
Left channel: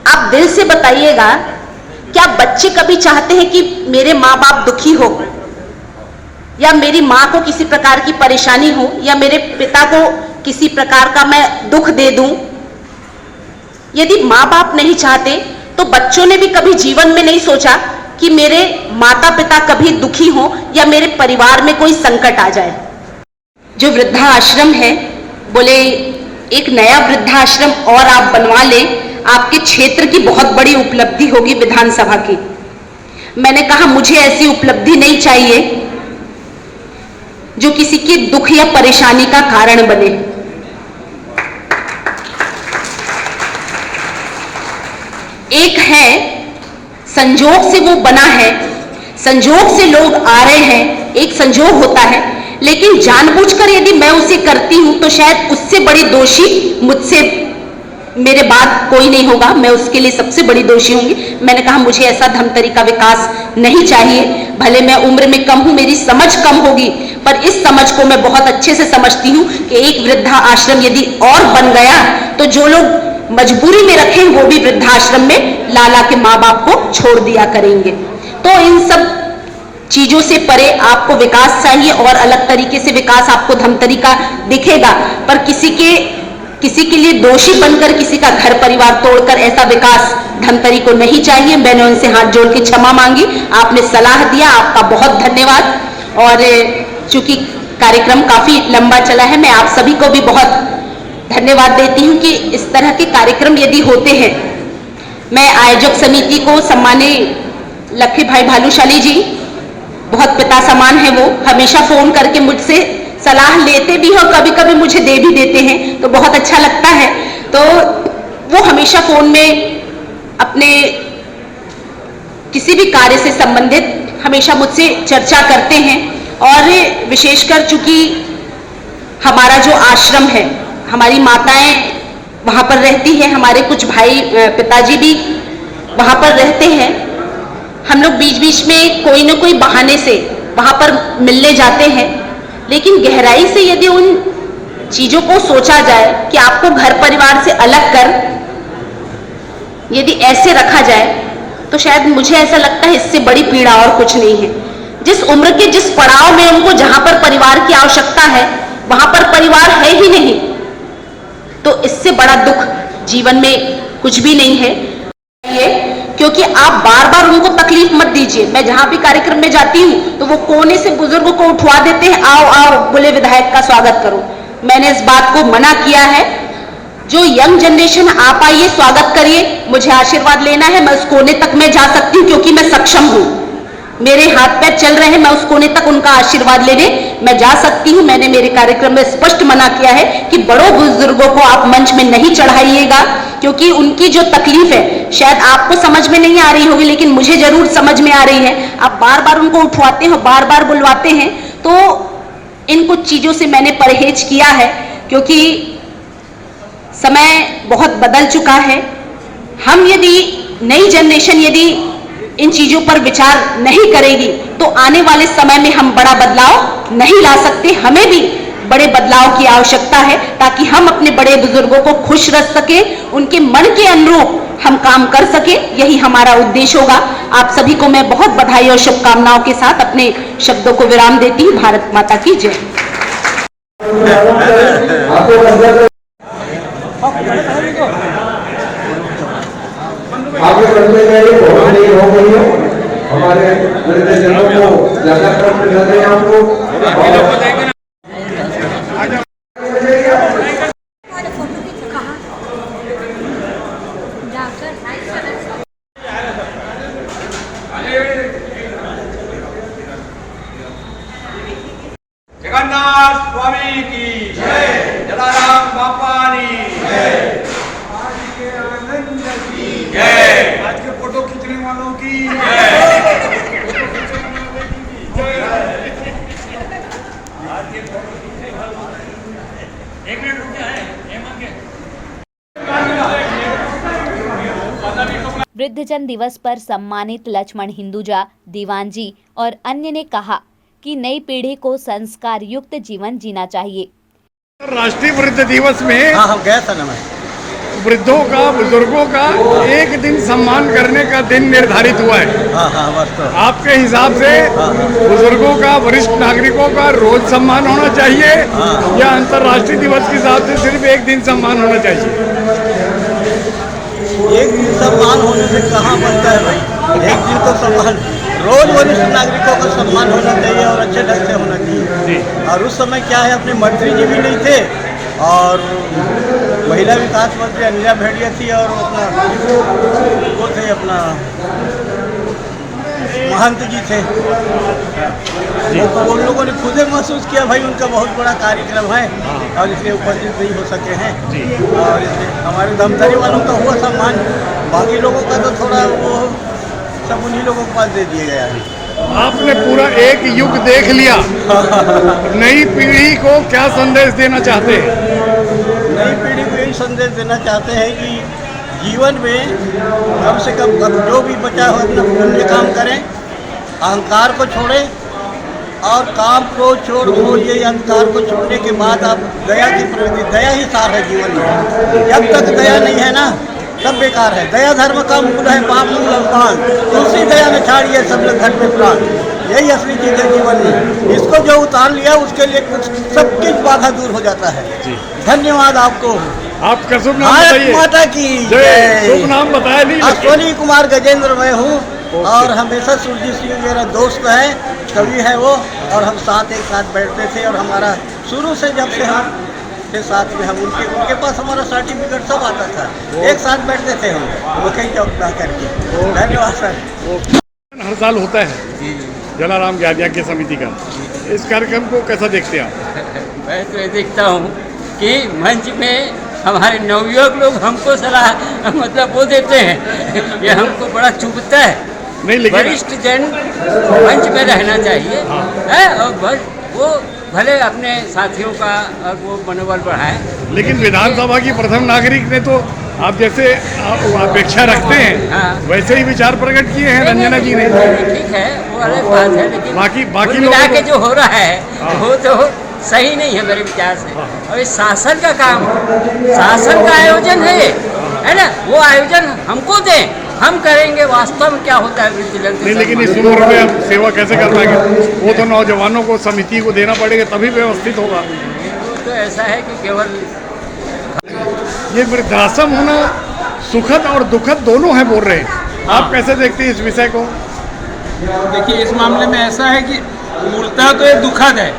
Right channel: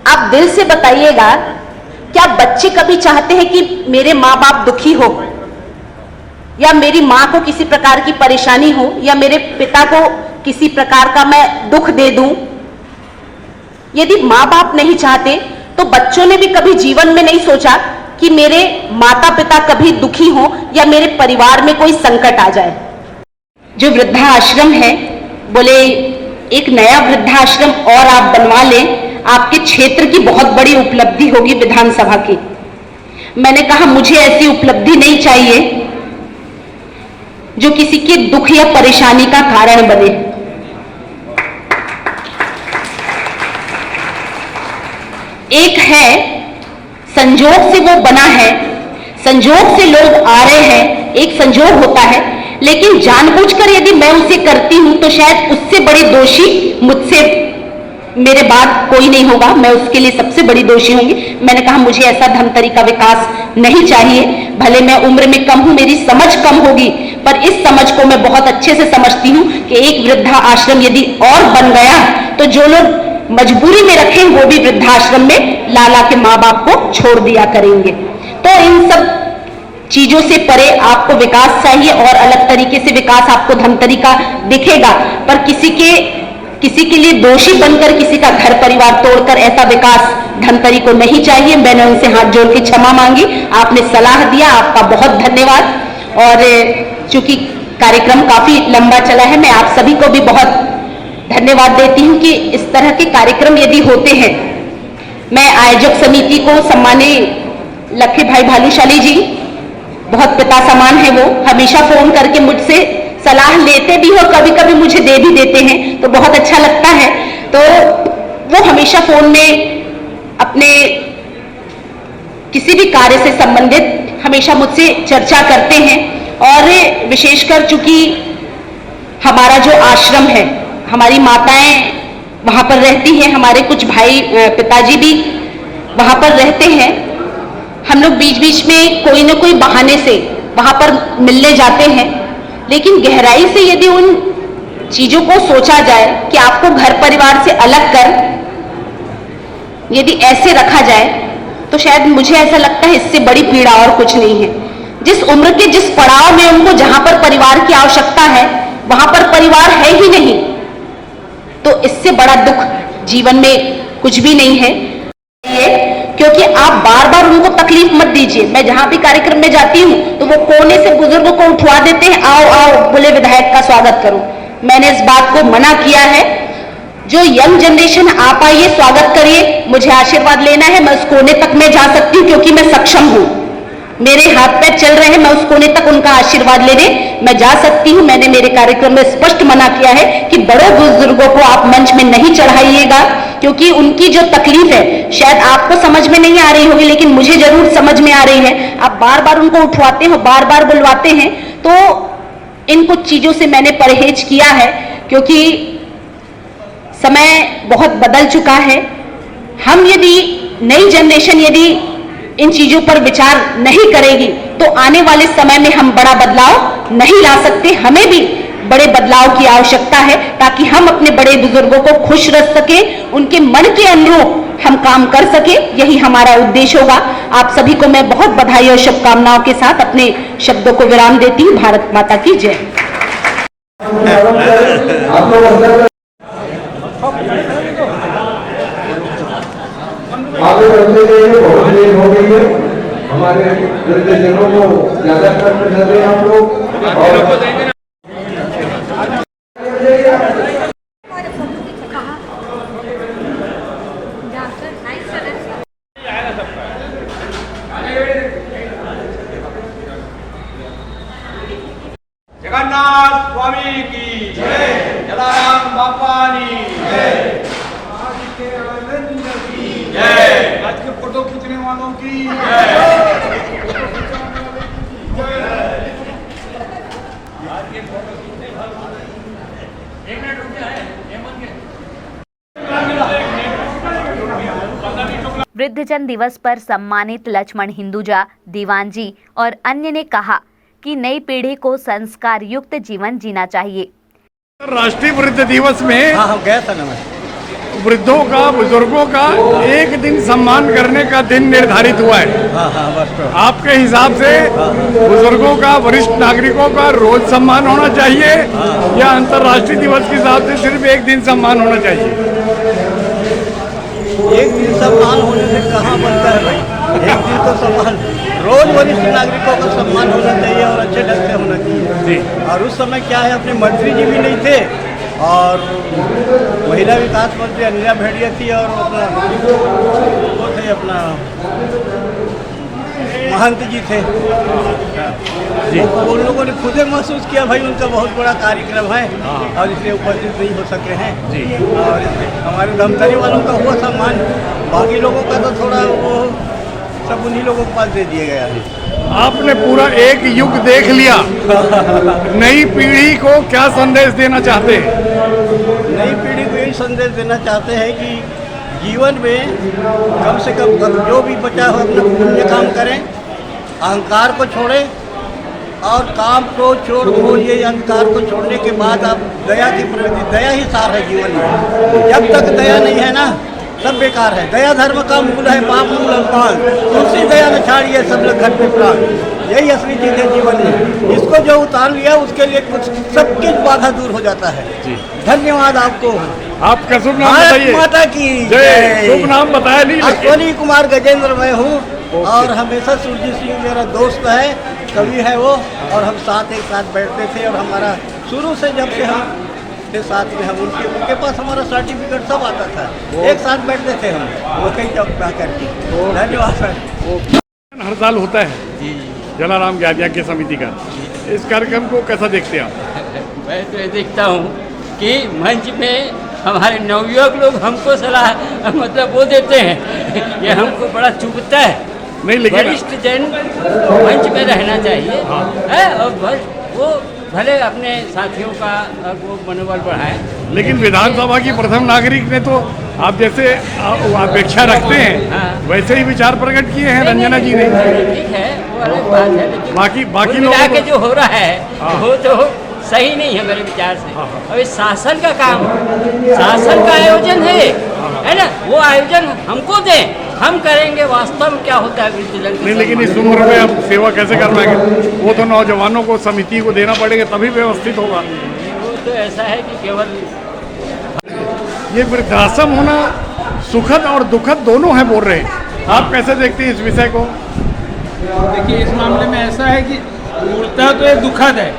आप दिल से बताइएगा, क्या बच्चे कभी चाहते हैं कि मेरे माँ बाप दुखी हो या मेरी माँ को किसी प्रकार की परेशानी हो या मेरे पिता को किसी प्रकार का मैं दुख दे दूं? यदि माँ बाप नहीं चाहते तो बच्चों ने भी कभी जीवन में नहीं सोचा कि मेरे माता पिता कभी दुखी हो या मेरे परिवार में कोई संकट आ जाए। जो वृद्धाश्रम है, बोले एक नया वृद्धाश्रम और आप बनवा लें, आपके क्षेत्र की बहुत बड़ी उपलब्धि होगी विधानसभा की। मैंने कहा मुझे ऐसी उपलब्धि नहीं चाहिए जो किसी के दुख या परेशानी का कारण बने। एक है संजोग से वो बना है, संजोग से लोग आ रहे हैं, एक संजोग होता है, लेकिन जानबूझकर यदि मैं उसे करती हूं तो शायद उससे बड़े दोषी मुझसे मेरे बाद कोई नहीं होगा, मैं उसके लिए सबसे बड़ी दोषी होंगी। मैंने कहा मुझे ऐसा धमतरी का विकास नहीं चाहिए। भले मैं उम्र में कम हूं, मेरी समझ कम होगी, पर इस समझ को मैं बहुत अच्छे से समझती हूं कि एक वृद्धा आश्रम यदि और बन गया तो जो लोग मजबूरी में रखे वो भी वृद्धाश्रम में लाला के माँ बाप को छोड़ दिया करेंगे। तो इन सब चीजों से परे आपको विकास चाहिए और अलग तरीके से विकास आपको धमतरी का दिखेगा, पर किसी के किसी के लिए दोषी बनकर किसी का घर परिवार तोड़कर ऐसा विकास धमतरी को नहीं चाहिए। मैंने उनसे हाथ जोड़ के क्षमा मांगी, आपने सलाह दिया, आपका बहुत धन्यवाद। और चूंकि कार्यक्रम काफी लंबा चला है, मैं आप सभी को भी बहुत धन्यवाद देती हूं कि इस तरह के कार्यक्रम यदि होते हैं। मैं आयोजक समिति को, सम्मानीय लक्ष्मी भाई भालूशाली जी, बहुत पिता समान है, वो हमेशा फोन करके मुझसे सलाह लेते भी और कभी कभी मुझे दे भी देते हैं, तो बहुत अच्छा लगता है। तो वो हमेशा फोन में अपने किसी भी कार्य से संबंधित हमेशा मुझसे चर्चा करते हैं। और विशेषकर चूंकि हमारा जो आश्रम है, हमारी माताएं वहां पर रहती हैं, हमारे कुछ भाई पिताजी भी वहां पर रहते हैं, हम लोग बीच बीच में कोई ना कोई बहाने से वहां पर मिलने जाते हैं। लेकिन गहराई से यदि उन चीजों को सोचा जाए कि आपको घर परिवार से अलग कर यदि ऐसे रखा जाए, तो शायद मुझे ऐसा लगता है इससे बड़ी पीड़ा और कुछ नहीं है। जिस उम्र के जिस पड़ाव में उनको जहां पर परिवार की आवश्यकता है वहां पर परिवार है ही नहीं, तो इससे बड़ा दुख जीवन में कुछ भी नहीं है। क्योंकि आप बार बार उनको तकलीफ मत दीजिए। मैं जहां भी कार्यक्रम में जाती हूं तो वो कोने से बुजुर्ग को उठवा देते हैं, आओ आओ बोले विधायक का स्वागत करो। मैंने इस बात को मना किया है। जो यंग जनरेशन आप आइए, स्वागत करिए, मुझे आशीर्वाद लेना है, मैं उस कोने तक मैं जा सकती हूँ क्योंकि मैं सक्षम हूँ, मेरे हाथ पैर चल रहे हैं, मैं उस कोने तक उनका आशीर्वाद लेने मैं जा सकती हूँ। मैंने मेरे कार्यक्रम में स्पष्ट मना किया है कि बड़ों बुजुर्गों को आप मंच में नहीं चढ़ाइएगा, क्योंकि उनकी जो तकलीफ है शायद आपको समझ में नहीं आ रही होगी, लेकिन मुझे जरूर समझ में आ रही है। आप बार बार उनको उठवाते हो, बार बार बुलवाते हैं, तो इन कुछ चीजों से मैंने परहेज किया है, क्योंकि समय बहुत बदल चुका है। हम यदि नई जनरेशन यदि इन चीजों पर विचार नहीं करेगी तो आने वाले समय में हम बड़ा बदलाव नहीं ला सकते। हमें भी बड़े बदलाव की आवश्यकता है ताकि हम अपने बड़े बुजुर्गों को खुश रख सके, उनके मन के अनुरूप हम काम कर सके, यही हमारा उद्देश्य होगा। आप सभी को मैं बहुत बधाई और शुभकामनाओं के साथ अपने शब्दों को विराम देती हूँ। भारत माता की जय। आगे बढ़ते गए बहुत देर हो गई है, हमारे निर्देशकों को ज्यादा समय न दें हम लोग। जगन्नाथ स्वामी की जय, जलाराम बापानी जय, आज के आनंद की जय, आज के फोटो खींचने वालों की जय, आज के फोटो खींचने वालों की। एक मिनट रुक जाए। वृद्धजन दिवस पर सम्मानित लक्ष्मण हिंदुजा, दीवान जी और अन्य ने कहा कि नई पीढ़ी को संस्कार युक्त जीवन जीना चाहिए। राष्ट्रीय वृद्ध दिवस में हाँ हम गए था ना, मैं वृद्धों का, बुजुर्गों का एक दिन सम्मान करने का दिन निर्धारित हुआ है। हाँ बस तो आपके हिसाब से बुजुर्गों का, वरिष्ठ नागरिकों का रोज सम्मान होना चाहिए या अंतर्राष्ट्रीय दिवस के हिसाब से सिर्फ एक दिन सम्मान होना चाहिए? एक दिन सम्मान होने से कहाँ बनता है भाई, एक दिन तो सम्मान, रोज वरिष्ठ नागरिकों का सम्मान होना चाहिए और अच्छे ढंग से होना चाहिए। और उस समय क्या है, अपने मंत्री जी भी नहीं थे और महिला विकास मंत्री अनिला भेड़िया थी और अपना वो थे अपना महंत जी थे। वो लोगों ने खुद महसूस किया भाई उनका बहुत बड़ा कार्यक्रम है और इसलिए उपस्थित नहीं हो सके हैं। और इसलिए हमारे धमतरी वालों का हुआ सम्मान, बाकी लोगों का तो थोड़ा वो सब उन्हीं लोगों के पास दे दिया गया है। आपने पूरा एक युग देख लिया, नई पीढ़ी को क्या संदेश देना चाहते हैं? नई पीढ़ी को यही संदेश देना चाहते हैं कि जीवन में कम से कम जो भी बचा हो अपना पुण्य काम करें, अहंकार को छोड़ें और काम को छोड़ ये अहंकार को छोड़ने के बाद आप दया की प्रवृत्ति, दया ही सार है जीवन में। जब तक दया नहीं है ना सब बेकार है। दया धर्म का मूल है, पाप मूल अल्पान, तुलसी दया न छाड़िए सब लोग घर में प्राण। यही असली चीज है जीवन में। इसको जो उतार लिया उसके लिए कुछ सब कुछ बाधा दूर हो जाता है। धन्यवाद आपको। आपका शुभ नाम भारत बताइए। माता की जय। जय। शुभ नाम बताया नहीं लेकिन। अश्वनी कुमार गजेंद्र मैं हूँ और हमेशा सुरजीत सिंह मेरा दोस्त है, कवि है वो, और हम साथ एक साथ बैठते थे और हमारा शुरू से जब से हम के साथ में हम उनके पास हमारा सर्टिफिकेट सब आता था, एक साथ बैठते थे हम वही चौक पे करके। धन्यवाद सर। हर साल होता है जलाराम ज्ञान यज्ञ समिति का, इस कार्यक्रम को कैसा देखते हैं आप? मैं तो ये देखता हूँ कि मंच में हमारे नवयुवक लोग हमको सलाह मतलब वो देते हैं, ये हमको बड़ा चुभता है। नहीं लेकिन वरिष्ठ जन मंच में रहना चाहिए है, और वो भले अपने साथियों का वो मनोबल बढ़ाए। लेकिन विधानसभा की प्रथम नागरिक ने तो आप जैसे अपेक्षा रखते हैं वैसे ही विचार प्रकट किए हैं रंजना जी ने। ठीक है, वो अलग बात है, लेकिन बाकी लोगों लोगों के जो हो रहा है वो तो सही नहीं है मेरे विचार से। और ये शासन का काम, शासन का आयोजन है ना, वो आयोजन हमको दें, हम करेंगे। वास्तव में क्या होता है वृद्धजन नहीं, लेकिन इस उम्र में अब सेवा कैसे कर पाएंगे? वो तो नौजवानों को समिति को देना पड़ेगा तभी व्यवस्थित होगा। वो तो ऐसा है कि केवल ये वृद्धाश्रम होना सुखद और दुखद दोनों है बोल रहे हैं, आप कैसे देखते हैं इस विषय को? देखिए, इस मामले में ऐसा है कि मूलतः तो ये दुखद है,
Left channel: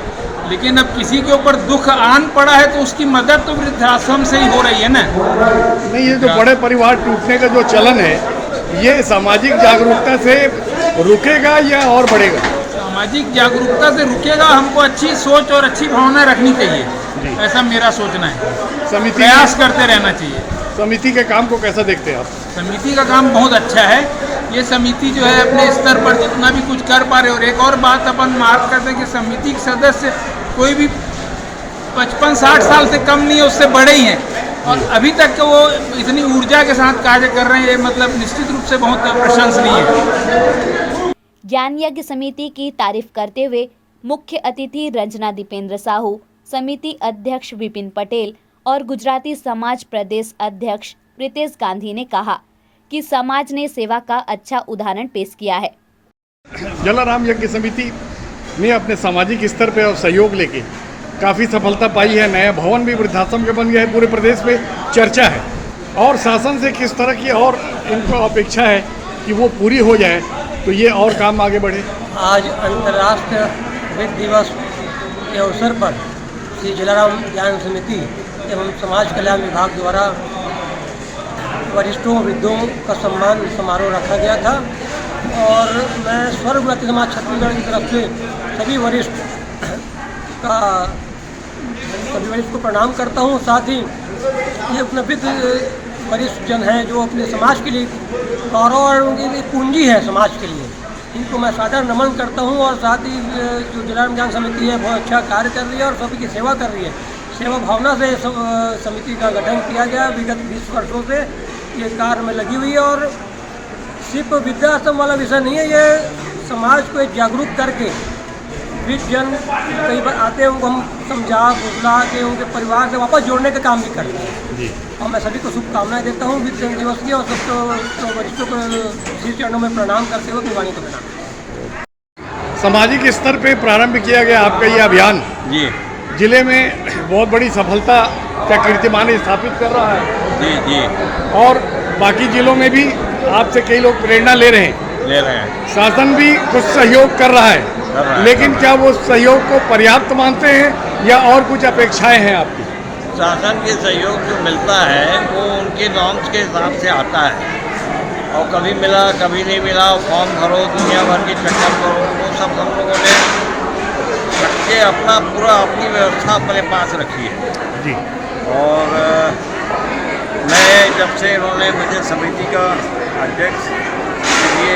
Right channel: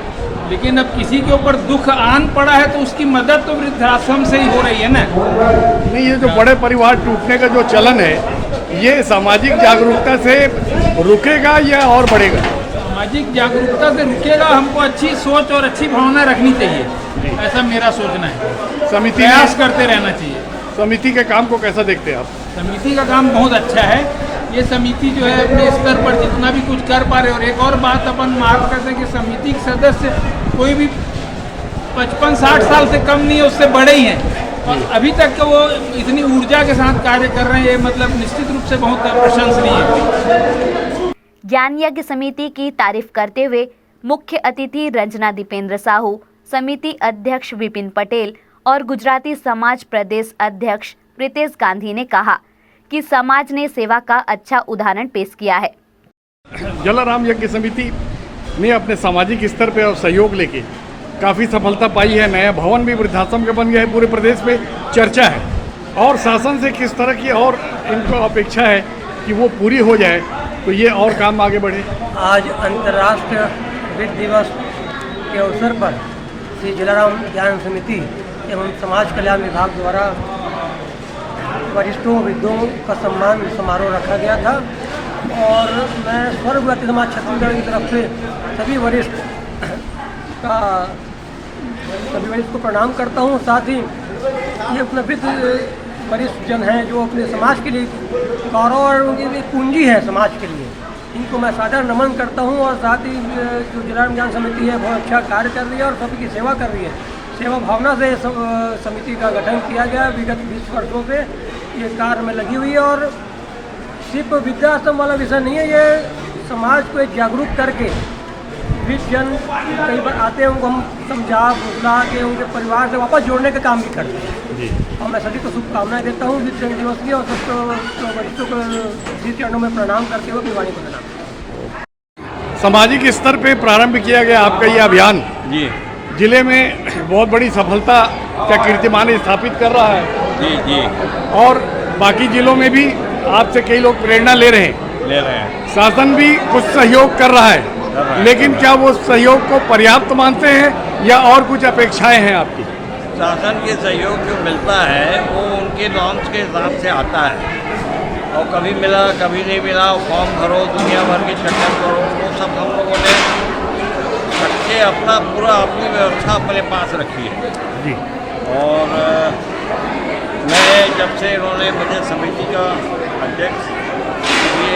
लेकिन अब किसी के ऊपर दुख आन पड़ा है तो उसकी मदद तो वृद्धाश्रम से ही हो रही है ना। नहीं, ये जो बड़े परिवार टूटने का जो चलन है ये सामाजिक जागरूकता से रुकेगा या और बढ़ेगा? सामाजिक जागरूकता से रुकेगा। हमको अच्छी सोच और अच्छी भावना रखनी चाहिए, ऐसा मेरा सोचना है। समिति प्रयास करते रहना चाहिए। समिति के काम को कैसा देखते हैं आप? समिति का काम बहुत अच्छा है। ये समिति जो है अपने स्तर पर जितना भी कुछ कर पा रहे, और एक और बात अपन मार्क करते हैं कि समिति के सदस्य कोई भी 55-60 साल से कम नहीं है, उससे बड़े ही हैं, और अभी तक वो इतनी ऊर्जा के साथ कार्य कर रहे हैं, ये मतलब निश्चित रूप से बहुत प्रशंसनीय है। ज्ञान यज्ञ समिति की तारीफ करते हुए मुख्य अतिथि रंजना दीपेंद्र साहू, समिति अध्यक्ष विपिन पटेल और गुजराती समाज प्रदेश अध्यक्ष प्रीतेश गांधी ने कहा कि समाज ने सेवा का अच्छा उदाहरण पेश किया है। जलाराम यज्ञ समिति ने अपने सामाजिक स्तर पर और सहयोग लेके काफ़ी सफलता पाई है। नया भवन भी वृद्धाश्रम के बन गया है, पूरे प्रदेश में चर्चा है, और शासन से किस तरह की और इनको अपेक्षा है कि वो पूरी हो जाए तो ये और काम आगे बढ़े। आज अंतर्राष्ट्रीय वृद्ध दिवस के अवसर पर श्री जलाराम ज्ञान समिति एवं समाज कल्याण विभाग द्वारा वरिष्ठों वृद्धों का सम्मान समारोह रखा गया था, और मैं स्वर्ग गुजराती समाज छत्तीसगढ़ की तरफ से सभी वरिष्ठ को प्रणाम करता हूँ। साथ ही ये अपना वरिष्ठ जन हैं जो अपने समाज के लिए गौरव और उनकी पूंजी है समाज के लिए, इनको मैं सादर नमन करता हूँ। और साथ ही जो जलाराम ज्ञान समिति है बहुत अच्छा कार्य कर रही है और सभी की सेवा कर रही है। सेवा भावना से समिति का गठन किया गया, विगत 20 वर्षों से ये कार्य में लगी हुई है। और सिर्फ वृद्धाश्रम वाला विषय नहीं है, ये समाज को एक जागरूक करके वृद्ध जन कई बार आते हैं, उनको हम समझा बुझला के उनके परिवार से वापस जोड़ने का काम भी करते हैं। और मैं सभी को शुभकामनाएं देता हूँ वृद्ध जन दिवस की, और सबको वरिष्ठों को श्री चरणों में प्रणाम करते हुए अपनी वाणी को देना। सामाजिक स्तर पे प्रारंभ किया गया आपका ये अभियान जी जिले में बहुत बड़ी सफलता का कीर्तिमान स्थापित कर रहा है। जी जी, और बाकी जिलों में भी आपसे कई लोग प्रेरणा ले रहे हैं। शासन भी कुछ सहयोग कर रहा है, लेकिन क्या वो सहयोग को पर्याप्त मानते हैं या और कुछ अपेक्षाएं हैं आपकी? शासन के सहयोग जो मिलता है वो उनके नॉर्म्स के हिसाब से आता है, और कभी मिला कभी नहीं मिला, फॉर्म भरो, दुनिया भर के चक्कर करो, वो सब हम लोगों ने रखे अपना पूरा अपनी व्यवस्था अपने पास रखी है जी। और मैं जब से इन्होंने मुझे समिति का अध्यक्ष ये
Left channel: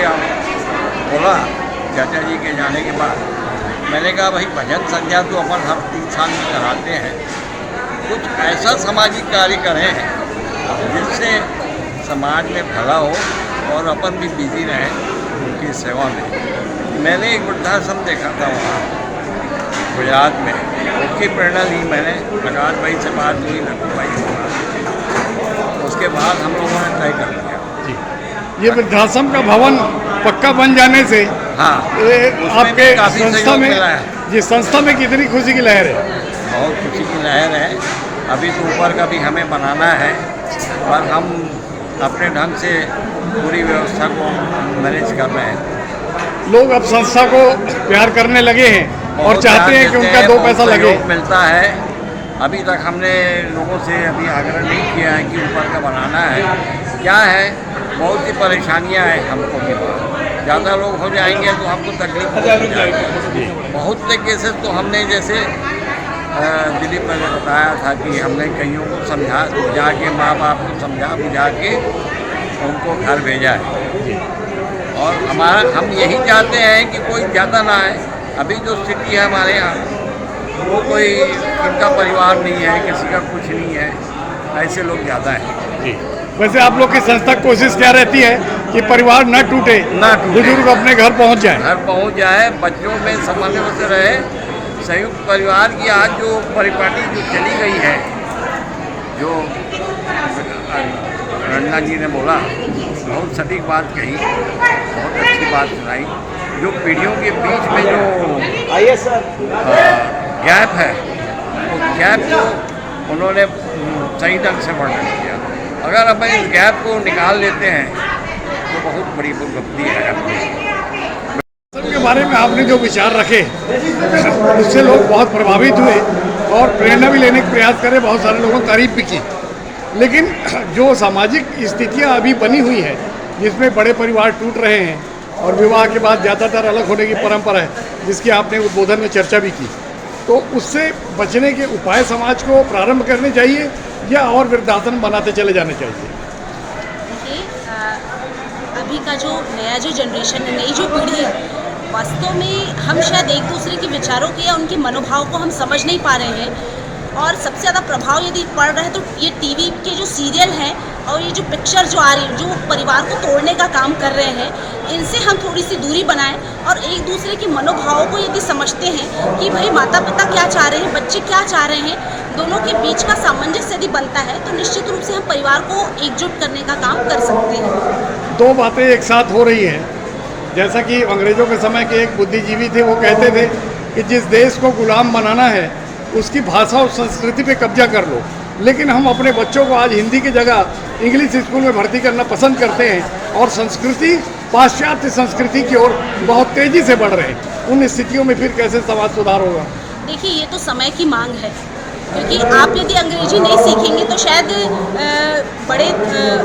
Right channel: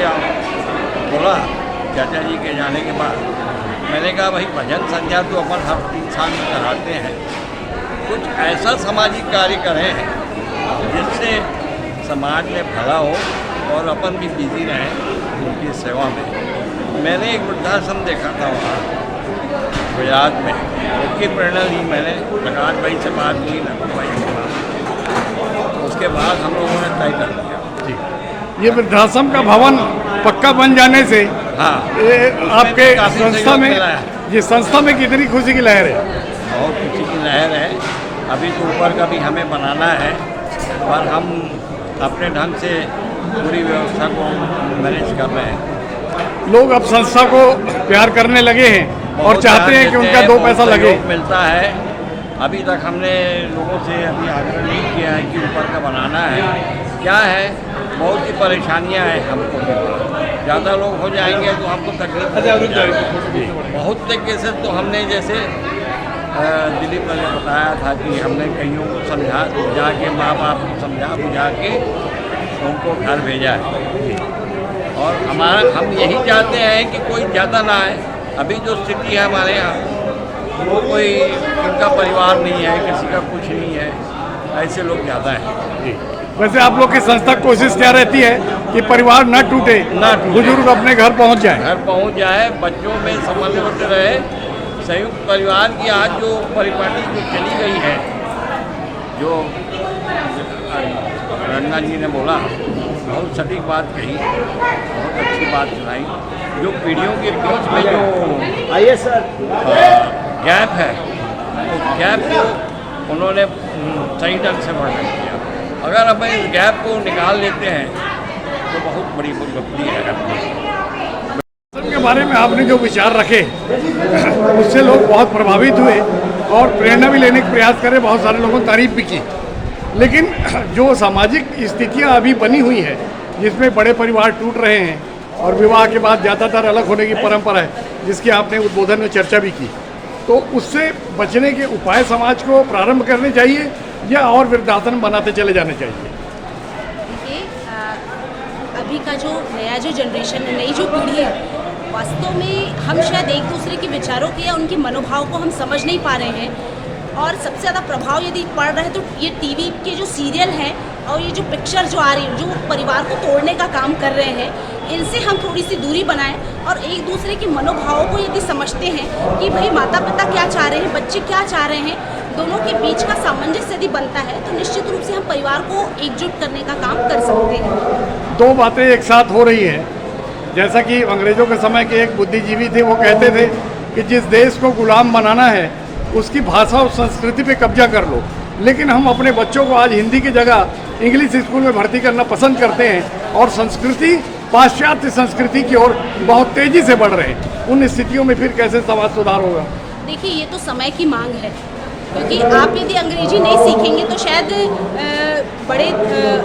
बोला चाचा जी के जाने के बाद, मैंने कहा भाई भजन संध्या तो अपन हर 3 साल में कराते हैं, कुछ ऐसा सामाजिक कार्य करें जिससे समाज में भला हो और अपन भी बिजी रहें उनकी सेवा में। मैंने एक वृद्धाश्रम देखा था वहाँ गुजरात में, उसकी प्रेरणा ली मैंने। प्रकाश भाई से बात हुई, लखू भाई से बात, उसके बाद हम लोगों ने तय कर लिया जी। ये वृद्धाश्रम का भवन पक्का बन जाने से आपके संस्था में जी संस्था में कितनी खुशी की लहर है? बहुत खुशी की लहर है। अभी तो ऊपर का भी हमें बनाना है, और हम अपने ढंग से पूरी व्यवस्था को मैनेज कर रहे हैं। लोग अब संस्था को प्यार करने लगे हैं और चाहते हैं कि उनका दो पैसा लगे। मिलता है। अभी तक हमने लोगों से अभी आग्रह नहीं किया है कि ऊपर का बनाना है। क्या है, बहुत सी परेशानियां हैं हमको भी। ज़्यादा लोग हो जाएंगे तो हमको तकलीफ हो जाएगी। बहुत से केसेस तो हमने जैसे दिलीप ने बताया था कि हमने कईयों को समझा बुझा के, माँ बाप को समझा बुझा के उनको घर भेजा है। और हम यही चाहते हैं कि कोई ज़्यादा ना आए। अभी जो स्थिति है हमारे यहाँ, वो कोई उनका परिवार नहीं है, किसी का कुछ नहीं है, ऐसे लोग ज़्यादा हैं। जी, वैसे आप लोग की संस्था कोशिश क्या रहती है कि परिवार न टूटे, बुजुर्ग अपने घर पहुंच जाए, बच्चों में समन्वय रहे। संयुक्त परिवार की आज जो परिपाटी जो चली गई है, जो रंगा जी ने बोला, बहुत सटीक बात कही, बहुत अच्छी बात सुनाई। जो पीढ़ियों के बीच में जो गैप है, उस गैप को उन्होंने सही ढंग से वर्णन किया। अगर हम इस गैप को निकाल लेते हैं तो बहुत बड़ी उपलब्धि है अपनी। के बारे में आपने जो विचार रखे उससे लोग बहुत प्रभावित हुए और प्रेरणा भी लेने का प्रयास करे। बहुत सारे लोगों ने तारीफ भी की। लेकिन जो सामाजिक स्थितियां अभी बनी हुई है, जिसमें बड़े परिवार टूट रहे हैं और विवाह के बाद ज़्यादातर अलग होने की परंपरा है, जिसकी आपने उद्बोधन में चर्चा भी की, तो उससे बचने के उपाय समाज को प्रारंभ करने चाहिए या और वृद्धाश्रम बनाते चले जाने चाहिए? देखिए, अभी का जो नया जो जनरेशन है, नई जो पीढ़ी है, वास्तव में हम शायद एक दूसरे के विचारों के या उनके मनोभाव को हम समझ नहीं पा रहे हैं। और सबसे ज़्यादा प्रभाव यदि पड़ रहा है तो ये टीवी के जो सीरियल हैं और ये जो पिक्चर जो आ रही है, जो परिवार को तोड़ने का काम कर रहे हैं, इनसे हम थोड़ी सी दूरी बनाएं और एक दूसरे के मनोभावों को यदि समझते हैं कि भाई माता पिता क्या चाह रहे हैं, बच्चे क्या चाह रहे हैं, दोनों के बीच का सामंजस्य यदि बनता है तो निश्चित रूप से हम परिवार को एकजुट करने का काम कर सकते हैं। दो बातें एक साथ हो रही हैं। जैसा कि अंग्रेजों के समय के एक बुद्धिजीवी थे, वो कहते थे कि जिस देश को गुलाम बनाना है उसकी भाषा और संस्कृति पे कब्जा कर लो। लेकिन हम अपने बच्चों को आज हिंदी की जगह इंग्लिश स्कूल में भर्ती करना पसंद करते हैं और संस्कृति, पाश्चात्य संस्कृति की ओर बहुत तेजी से बढ़ रहे हैं। उन स्थितियों में फिर कैसे समाज सुधार होगा? देखिए, ये तो समय की मांग है, क्योंकि आप यदि अंग्रेजी नहीं सीखेंगे तो शायद बड़े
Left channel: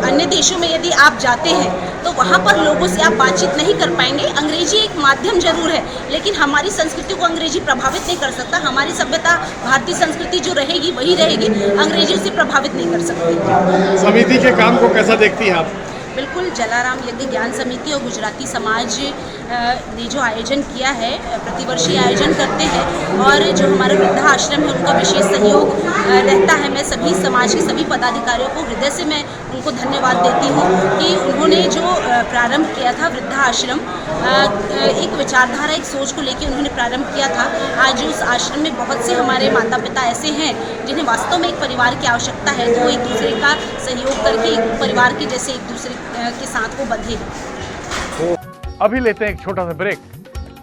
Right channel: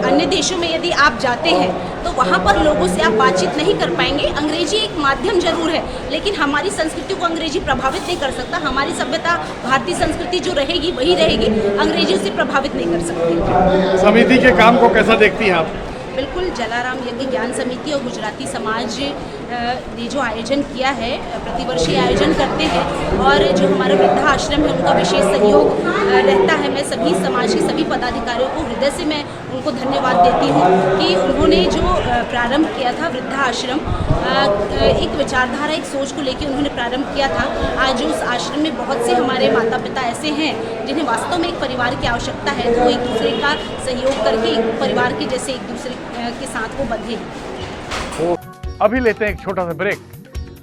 अन्य देशों में यदि आप जाते हैं तो वहाँ पर लोगों से आप बातचीत नहीं कर पाएंगे। अंग्रेजी एक माध्यम जरूर है, लेकिन हमारी संस्कृति को अंग्रेजी प्रभावित नहीं कर सकता। हमारी सभ्यता, भारतीय संस्कृति जो रहेगी वही रहेगी, अंग्रेजी उसे प्रभावित नहीं कर सकती। समिति के काम को कैसा देखती हैं आप? बिल्कुल, जलाराम यज्ञ ज्ञान समिति और गुजराती समाज ने जो आयोजन किया है, प्रतिवर्ष आयोजन करते हैं और जो हमारा वृद्धा आश्रम है उनका विशेष सहयोग रहता है। मैं सभी समाज के सभी पदाधिकारियों को हृदय से मैं उनको धन्यवाद देती हूँ कि उन्होंने जो प्रारंभ किया था वृद्धा आश्रम, एक विचारधारा, एक सोच को लेकर उन्होंने प्रारंभ किया था। आज उस आश्रम में बहुत से हमारे माता पिता ऐसे हैं जिन्हें वास्तव में एक परिवार की आवश्यकता है, तो एक दूसरे का सहयोग करके एक परिवार के जैसे एक दूसरे के साथ वो बंधे। अभी लेते हैं एक छोटा सा ब्रेक।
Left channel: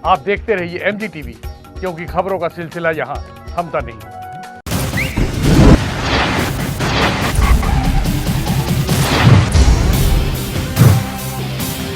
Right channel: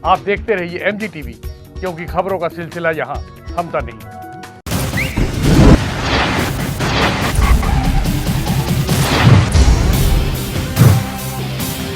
आप देखते रहिए MG TV, क्योंकि खबरों का सिलसिला यहाँ थमता नहीं।